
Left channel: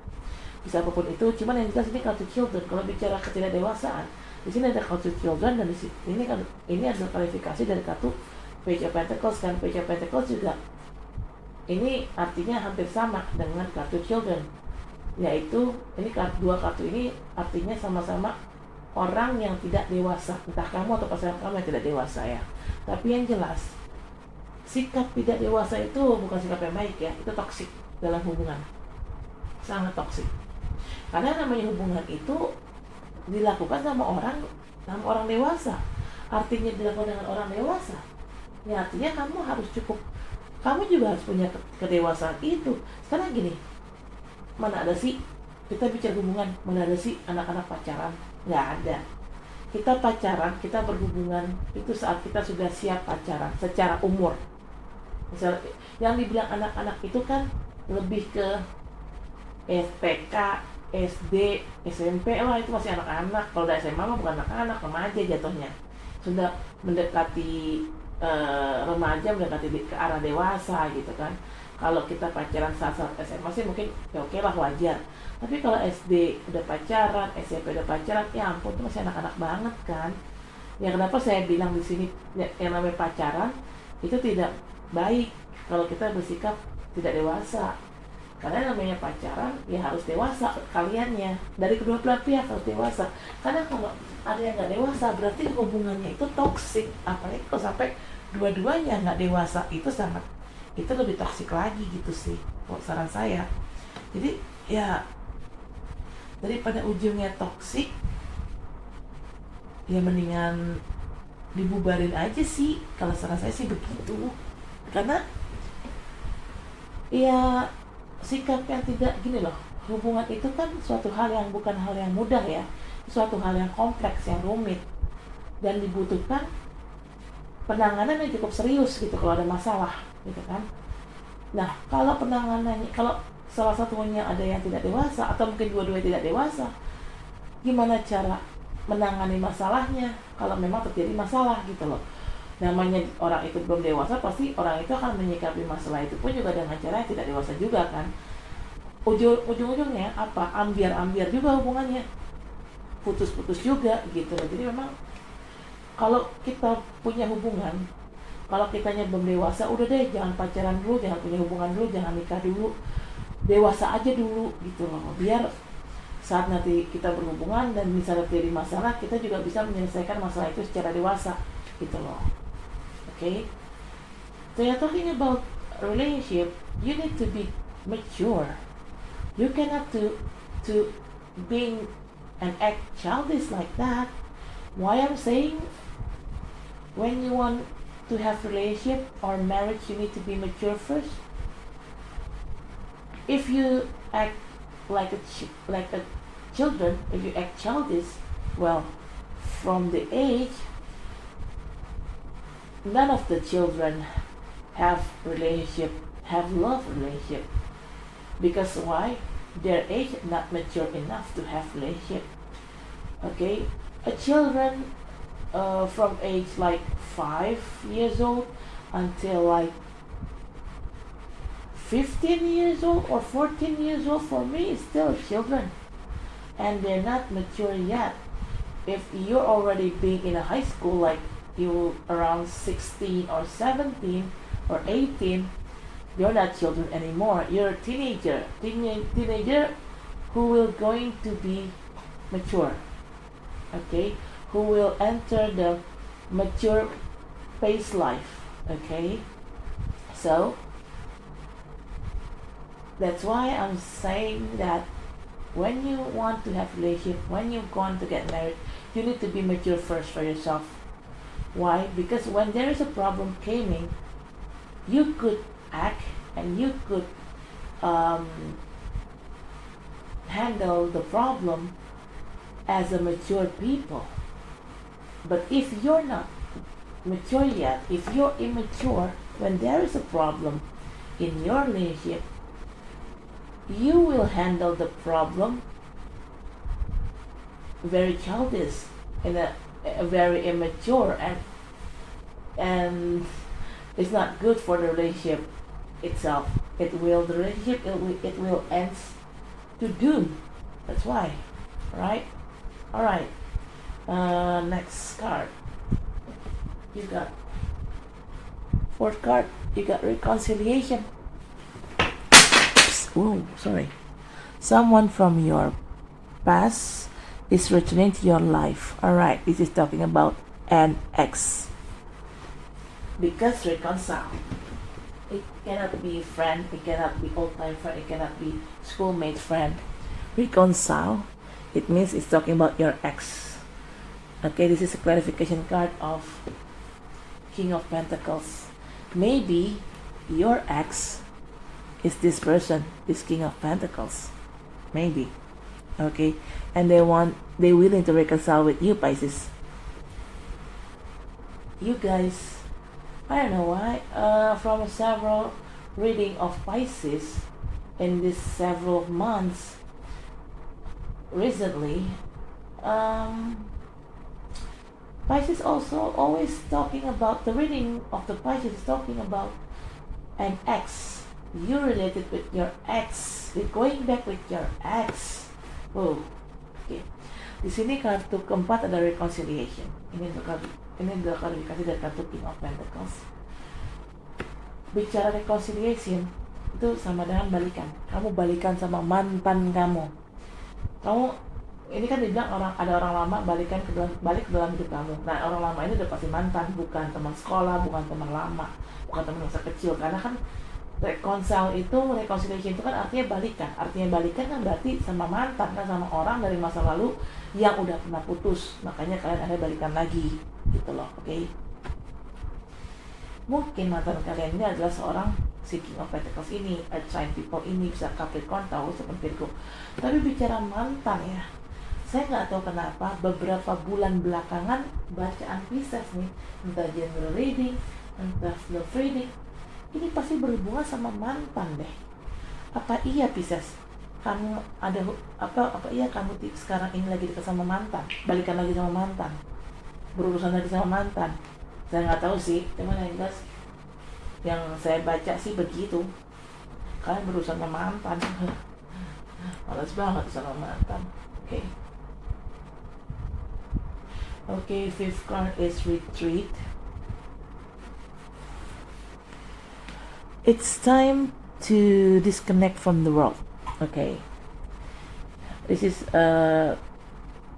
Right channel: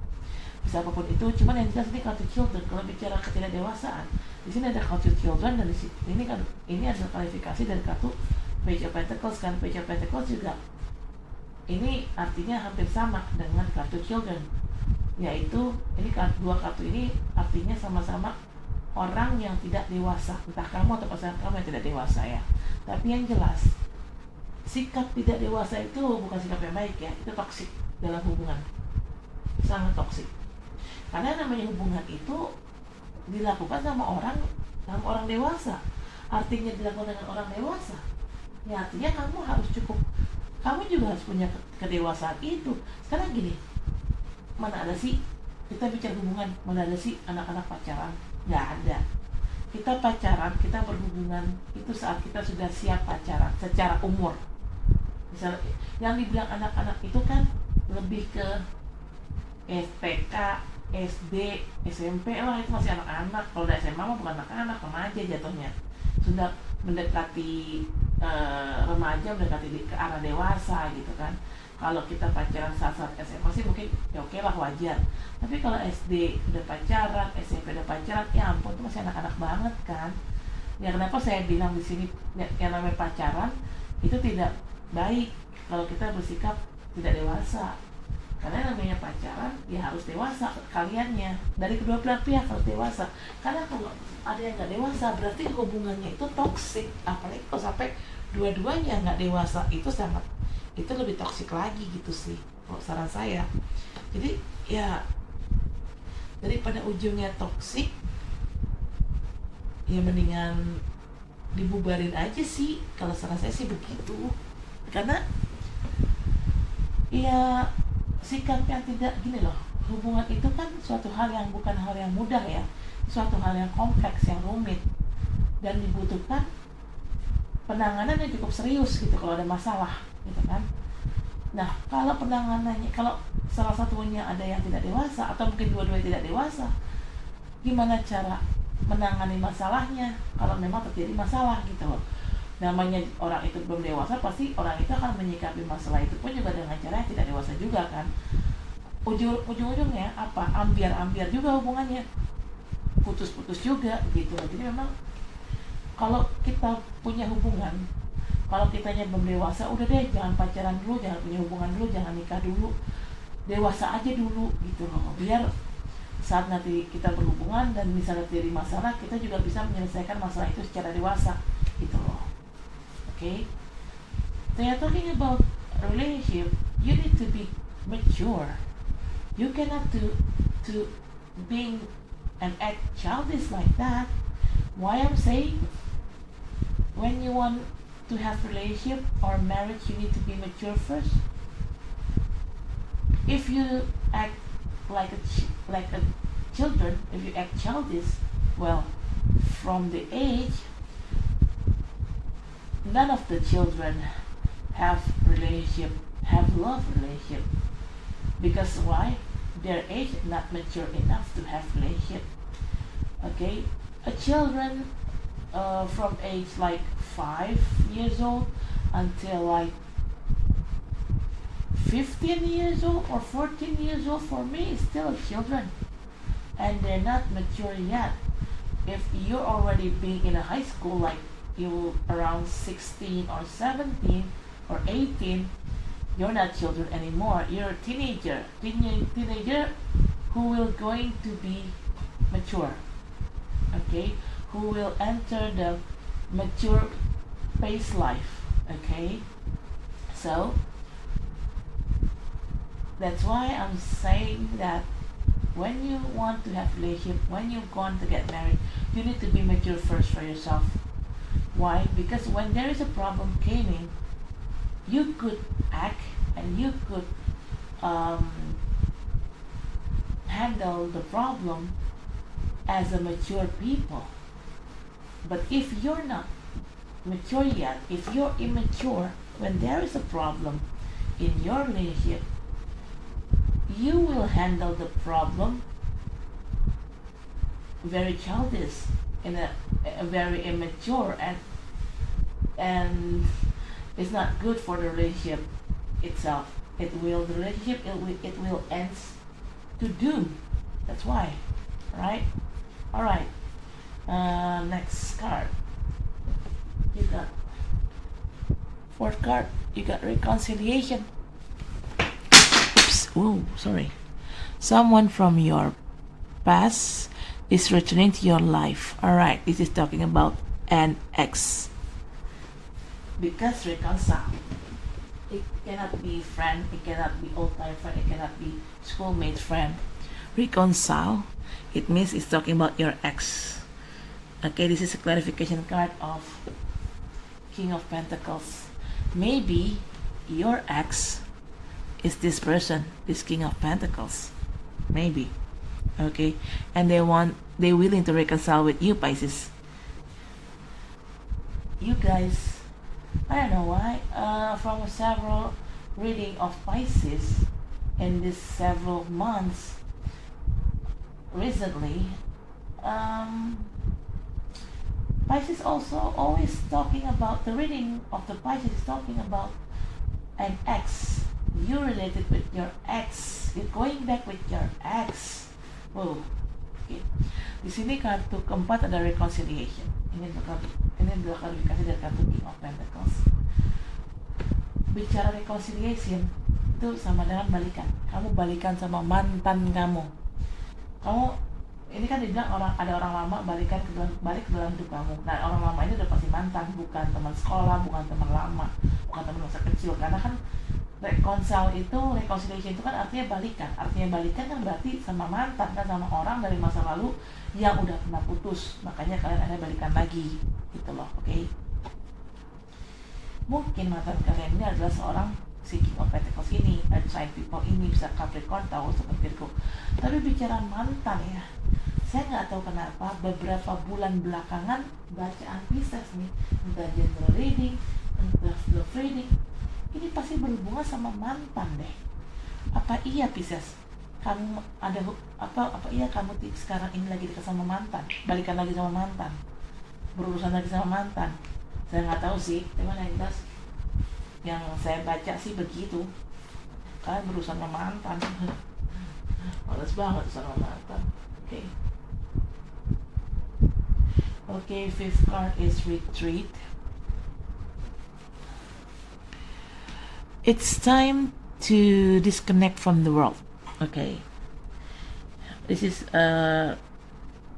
Bisa apapun itu, cuman yang jelas ini kartu children. Kalau bicara ketidakdewasaan, di sini ada kartu children, dan di sini kan ini adalah klarifikasi dari kartu Page of Pentacles. Kan Page of Pentacles juga ini artinya hampir sama dengan kartu children, yaitu ini dua kartu ini artinya sama-sama orang yang tidak dewasa, entah kamu atau pasangan kamu yang tidak dewasa ya. Tapi yang jelas sikap tidak dewasa itu bukan sikap yang baik ya, itu toksik dalam hubungan, sangat toksik. Karena namanya hubungan itu dilakukan sama orang dewasa, artinya dilakukan dengan orang dewasa ya, artinya kamu harus cukup, kamu juga harus punya kedewasaan itu. Sekarang gini, mana ada sih kita bicara hubungan, mana ada sih anak-anak pacaran? Nggak ada. Kita pacaran, kita berhubungan itu saat kita sudah siap pacaran secara umur. Misalnya yang dibilang anak-anak itu kan lebih ke SPK, SD, SMP, wah itu masih anak-anak. Kalau udah SMA mah bukan anak-anak, remaja jatuhnya. Sudah mendekati remaja, mendekati ke arah dewasa gitu kan. Kalau kita pacaran saat SMA sih mungkin ya oke lah, wajar. Tapi kalau SD udah pacaran, SMP udah pacaran, ya ampun itu masih anak-anak banget kan. Ya kenapa saya bilang di sini yang namanya pacaran itu tidak baik kalau kita bersikap tidak dewasa. Karena namanya pacaran ya harus dewasa kaliannya, dari kedua belah pihak harus dewasa. Karena kalau ada yang nggak dewasa berarti hubungannya itu toksik. Apalagi kalau sampai dua-duanya nggak dewasa, itu lebih toksik lagi gitu sih, saran saya. Jadi ya daripada ujungnya toksik, ya mendingan dibubarin aja sih, kalau saran saya sih begitu. Karena ya sikap yang tidak gini loh, hubungan itu kan suatu hal yang bukan hal yang mudah ya, suatu hal yang kompleks, yang rumit, dan dibutuhkan penanganan yang cukup serius gitu kalau ada masalah gitu kan. Nah kalau penanganannya, kalau salah satunya ada yang tidak dewasa atau mungkin dua-duanya tidak dewasa, gimana cara menangani masalahnya kalau memang terjadi masalah gitu loh. Namanya orang itu belum dewasa, pasti orang itu akan menyikapi masalah itu pun juga dengan cara yang tidak dewasa juga kan. Ujung-ujungnya apa? Ambiar juga hubungannya, putus-putus juga gitu. Jadi memang kalau kita punya hubungan, kalau kitanya belum dewasa, udah deh jangan pacaran dulu, jangan punya hubungan dulu, jangan nikah dulu, dewasa aja dulu gitu loh, biar saat nanti kita berhubungan dan misalnya terjadi masalah, kita juga bisa menyelesaikan masalah itu secara dewasa gitu loh. Okay, they are talking about relationship. You need to be mature. You cannot to being and act childish like that. Why I'm saying, when you want to have relationship or marriage, you need to be mature first. If you act like a children, if you act childish, well, from the age, none of the children have love relationship. Because why? Their age not mature enough to have relationship. Okay, a children from age like 5 years old until like 15 years old or 14 years old, for me is still children, and they're not mature yet. If you're already being in a high school, like you around 16 or 17 or 18, you're not children anymore. You're a teenager who will going to be mature. Okay, who will enter the mature phase life. Okay, so that's why I'm saying that when you want to have relationship, when you want to get married, you need to be mature first for yourself. Why? Because when there is a problem coming, you could act and you could handle the problem as a mature people. But if you're not mature yet, if you're immature, when there is a problem in your relationship, you will handle the problem very childish, in a very immature, and it's not good for the relationship itself. The relationship it will end to doom. That's why, right? All right. Next card. You got fourth card. You got reconciliation. Oops. Oh, sorry. Someone from your past is returning to your life. All right. This is talking about an ex. Because reconcile. It cannot be friend. It cannot be old-time friend. It cannot be schoolmate friend. Reconcile. It means it's talking about your ex. Okay, this is a clarification card of King of Pentacles. Maybe your ex is this person, this King of Pentacles. Maybe. Okay, and they're willing to reconcile with you, Pisces. You guys, I don't know why, from several reading of Pisces in this several months recently, Pisces also always talking about, the reading of the Pisces is talking about an ex. You related with your ex. You're going back with your ex. Oh, okay. Di sini kartu keempat ada reconciliation. Ini adalah klarifikasi dari kartu King of Pentacles. Bicara reconciliation itu sama dengan balikan. Kamu balikan sama mantan kamu. Ini kan dibilang ada orang lama balik ke dalam hidup kamu. Nah, orang lama ini udah pasti mantan, bukan teman sekolah, bukan teman lama, bukan teman masa kecil. Karena kan reconciliation itu kan artinya balikan. Artinya balikan kan berarti sama mantan, kan sama orang dari masa lalu yang udah pernah putus. Makanya kalian ada balikan lagi, gitu loh, oke? Mungkin mantan kalian ini adalah seorang King of Pentacles ini, Earth sign people ini, bisa Capricorn, Taurus, atau Virgo. Tapi bicara mantan ya, saya nggak tahu kenapa beberapa bulan belakangan bacaan Pisces nih, entah general reading, entah love reading, ini pasti berhubungan sama mantan deh. Apa iya Pisces? Kamu ada apa iya kamu sekarang ini lagi dekat sama mantan, balikan lagi sama mantan, berurusan lagi sama mantan? Saya nggak tahu sih, teman yang jelas yang saya baca sih begitu. Kalian berurusan sama mantan, malas banget sama mantan. Oke. Okay, fifth card is retreat. It's time to disconnect from the world. Okay. This is a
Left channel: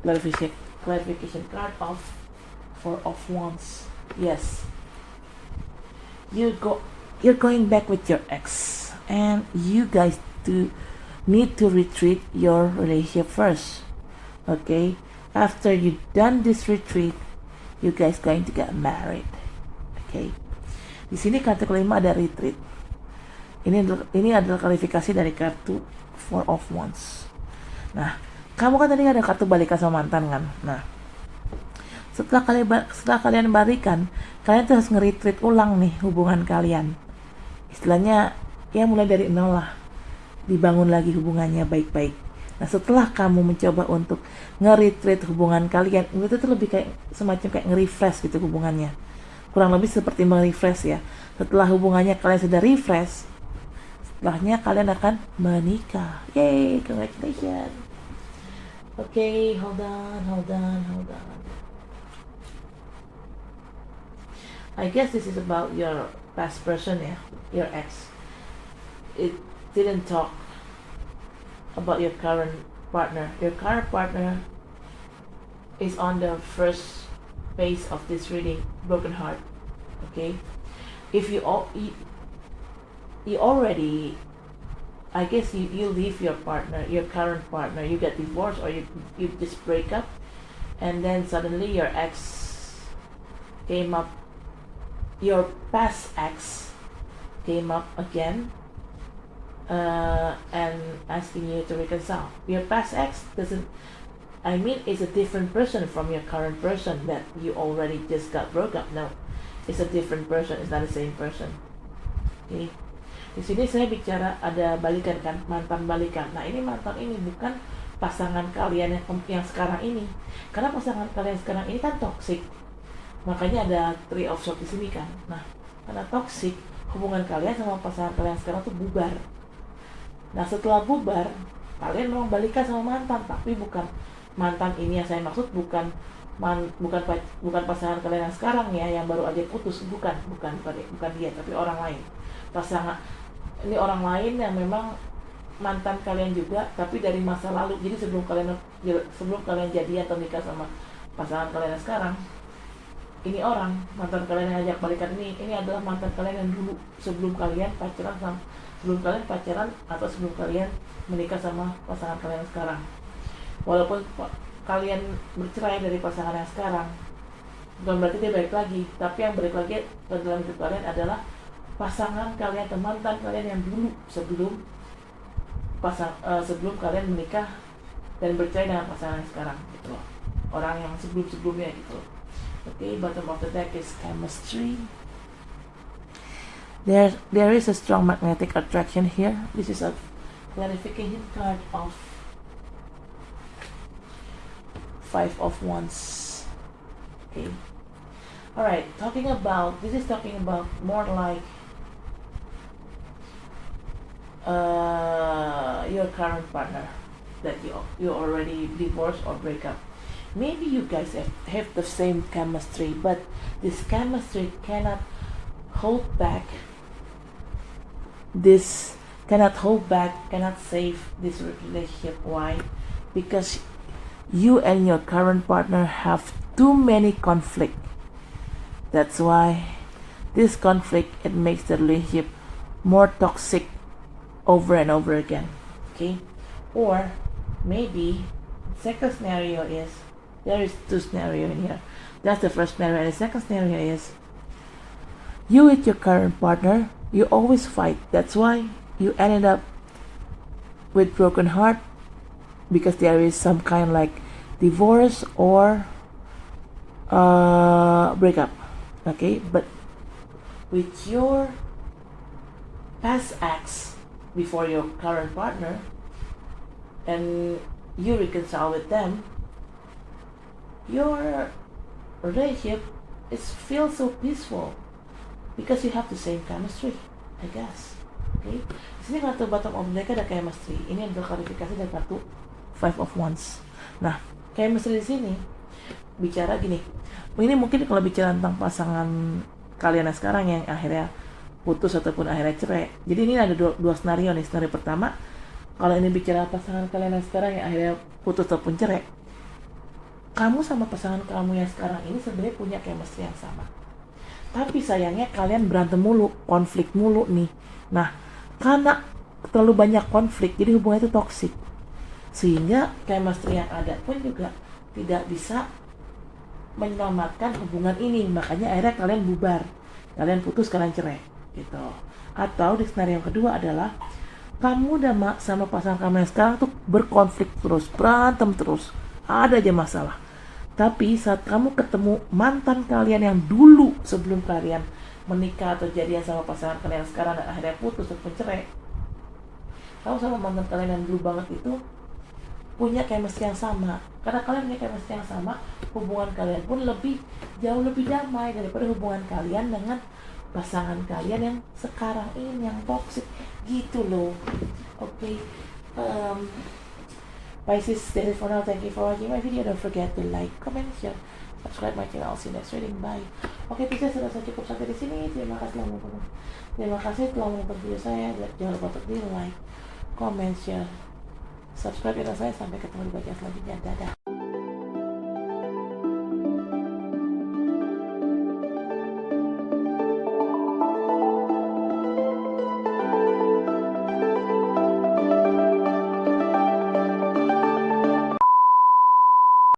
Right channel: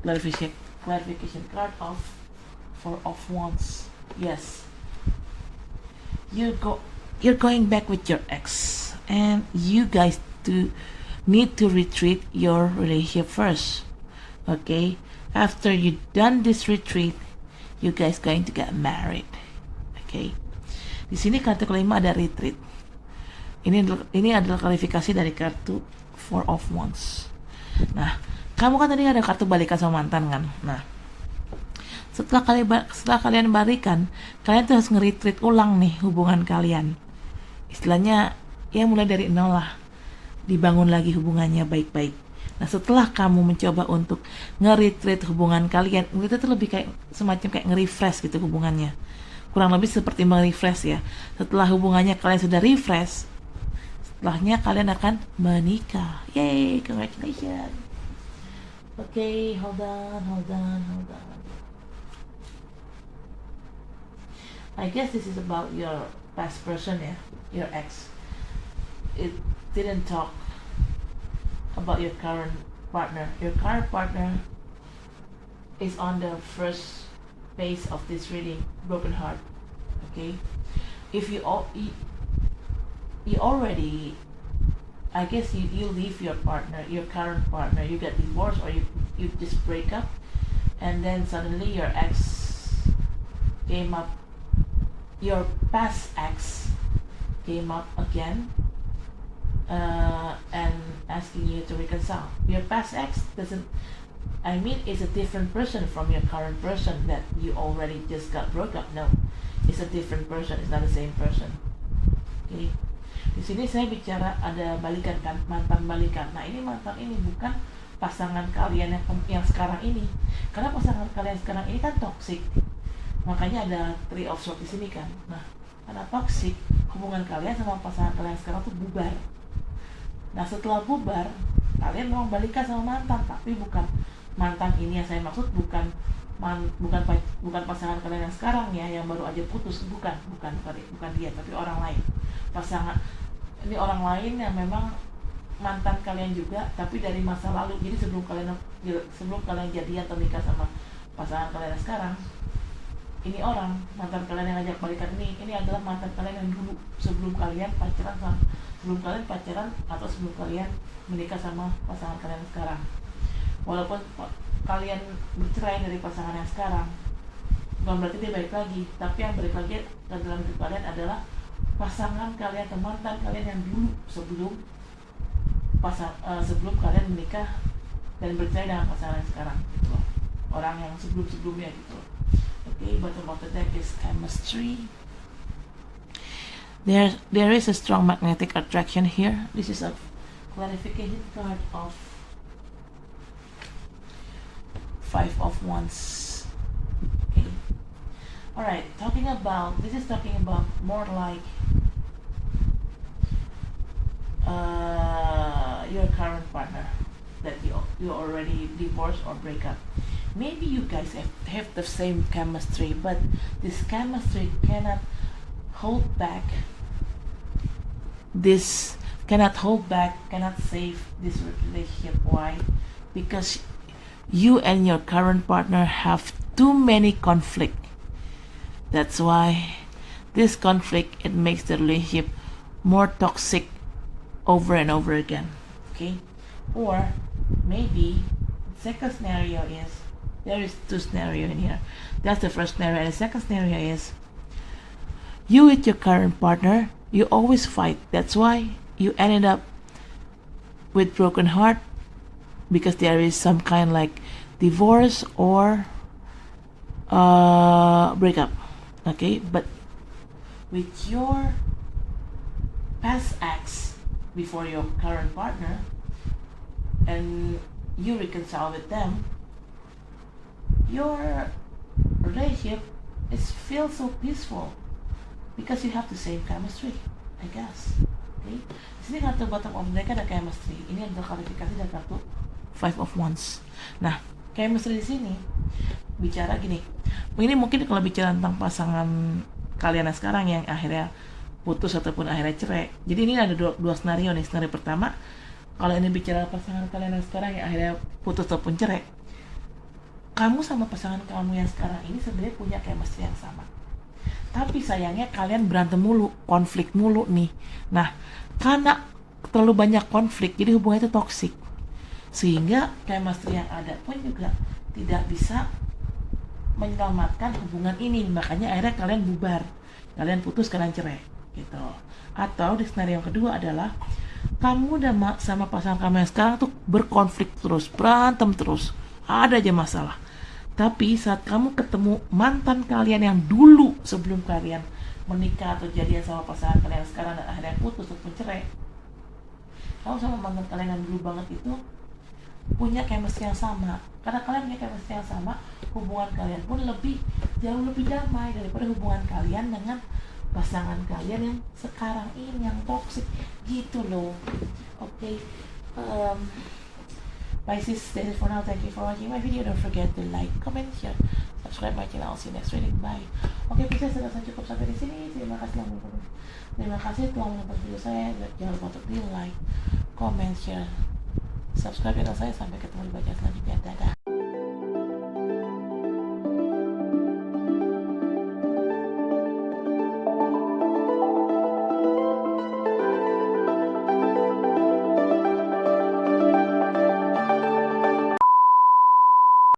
clarification card of Four of Wands. Yes. You're going back with your ex, and you guys need to retreat your relationship first. Okay, after you done this retreat, you guys going to get married. Okay, di sini kartu kelima ada retreat. Ini adalah klarifikasi dari kartu Four of Wands. Nah, kamu kan tadi ada kartu balikan sama mantan kan? Nah, setelah kalian balikan, kalian tuh harus nge-retreat ulang nih hubungan kalian. Istilahnya ya mulai dari nol lah, dibangun lagi hubungannya baik-baik. Nah, setelah kamu mencoba untuk nge-retreat hubungan kalian, itu tuh lebih kayak semacam kayak nge-refresh gitu hubungannya. Kurang lebih seperti nge-refresh ya. Setelah hubungannya kalian sudah refresh, setelahnya kalian akan menikah. Yay, congratulations. Okay, hold on. I guess this is about your past person, yeah, your ex. It didn't talk about your current partner. Your current partner is on the first phase of this reading, broken heart. Okay, if you already I guess you leave your partner, your current partner, you get divorced, or you just break up, and then suddenly your ex came up, your past ex came up again, and asking you to reconcile. Your past ex doesn't, I mean, it's a different person from your current person that you already just got broke up. No, it's a different person, it's not the same person. Okay. Di sini saya bicara ada balikan kan, mantan balikan. Nah, ini mantan ini bukan pasangan kalian yang sekarang ini. Karena pasangan kalian sekarang ini kan toxic. Makanya ada three of swords di sini kan. Nah, karena toxic, hubungan kalian sama pasangan kalian sekarang tuh bubar. Nah, setelah bubar, kalian mau balikan sama mantan, tapi bukan mantan ini yang saya maksud, bukan pasangan kalian yang sekarang ya, yang baru aja putus, bukan dia, tapi orang lain. Pasangan ini orang lain yang memang mantan kalian juga, tapi dari masa lalu. Jadi sebelum kalian jadian atau nikah sama pasangan kalian yang sekarang, ini orang mantan kalian yang ngajak balikan ini adalah mantan kalian yang dulu sebelum kalian pacaran atau sebelum kalian menikah sama pasangan kalian yang sekarang. Walaupun kalian bercerai dari pasangan yang sekarang, bukan berarti dia balik lagi, tapi yang balik lagi dalam hidup kalian adalah pasangan kalian atau mantan kalian yang dulu sebelum kalian menikah dan bercerai dengan pasangan yang sekarang gitu. Orang yang sebelumnya gitu. Okay, bottom of the deck is chemistry. There is a strong magnetic attraction here. This is a clarification card of Five of Wands. Okay. Alright, this is talking about more like your current partner that you already divorced or break up. Maybe you guys have the same chemistry, but this chemistry cannot hold back, cannot save this relationship. Why? Because you and your current partner have too many conflict. That's why this conflict, it makes the relationship more toxic over and over again. Okay? Or maybe second scenario is, there is two scenario in here. That's the first scenario. And the second scenario is, you with your current partner, you always fight. That's why you ended up with broken heart, because there is some kind like divorce or breakup. Okay, but with your past ex before your current partner, and you reconcile with them, your relationship feels so peaceful because you have the same chemistry, I guess. Okay, di sini kartu bottom of deck ada chemistry. Ini adalah klarifikasi dari kartu Five of Wands. Nah, chemistry di sini bicara gini. Ini mungkin kalau bicara tentang pasangan kalian yang sekarang yang akhirnya putus ataupun akhirnya cerai. Jadi ini ada dua skenario nih. Skenario pertama, kalau ini bicara pasangan kalian yang sekarang yang akhirnya putus ataupun cerai, kamu sama pasangan kamu yang sekarang ini sebenarnya punya chemistry yang sama. Tapi sayangnya kalian berantem mulu, konflik mulu nih. Nah, karena terlalu banyak konflik, jadi hubungannya itu toksik. Sehingga chemistry yang ada pun juga tidak bisa menyelamatkan hubungan ini. Makanya akhirnya kalian bubar, kalian putus, kalian cerai gitu. Atau di skenario yang kedua adalah kamu udah sama pasangan kamu yang sekarang tuh berkonflik terus, berantem terus, ada aja masalah. Tapi saat kamu ketemu mantan kalian yang dulu sebelum kalian menikah atau jadian sama pasangan kalian sekarang dan akhirnya putus atau cerai, kamu sama mantan kalian yang dulu banget itu punya chemistry yang sama. Karena kalian punya chemistry yang sama, hubungan kalian pun jauh lebih damai daripada hubungan kalian dengan pasangan kalian yang sekarang ini yang toxic gitu loh. Okay, Pisces, that is for now. Thank you for watching my video. Don't forget to like, comment, share, subscribe my channel. I'll see you next reading. Bye. Oke, Pisces, saya rasa cukup sampai di sini. Terima kasih telah menonton video saya. Jangan lupa untuk di like, comment, share, subscribe channel saya. Sampai ketemu di bagian selanjutnya. Dadah.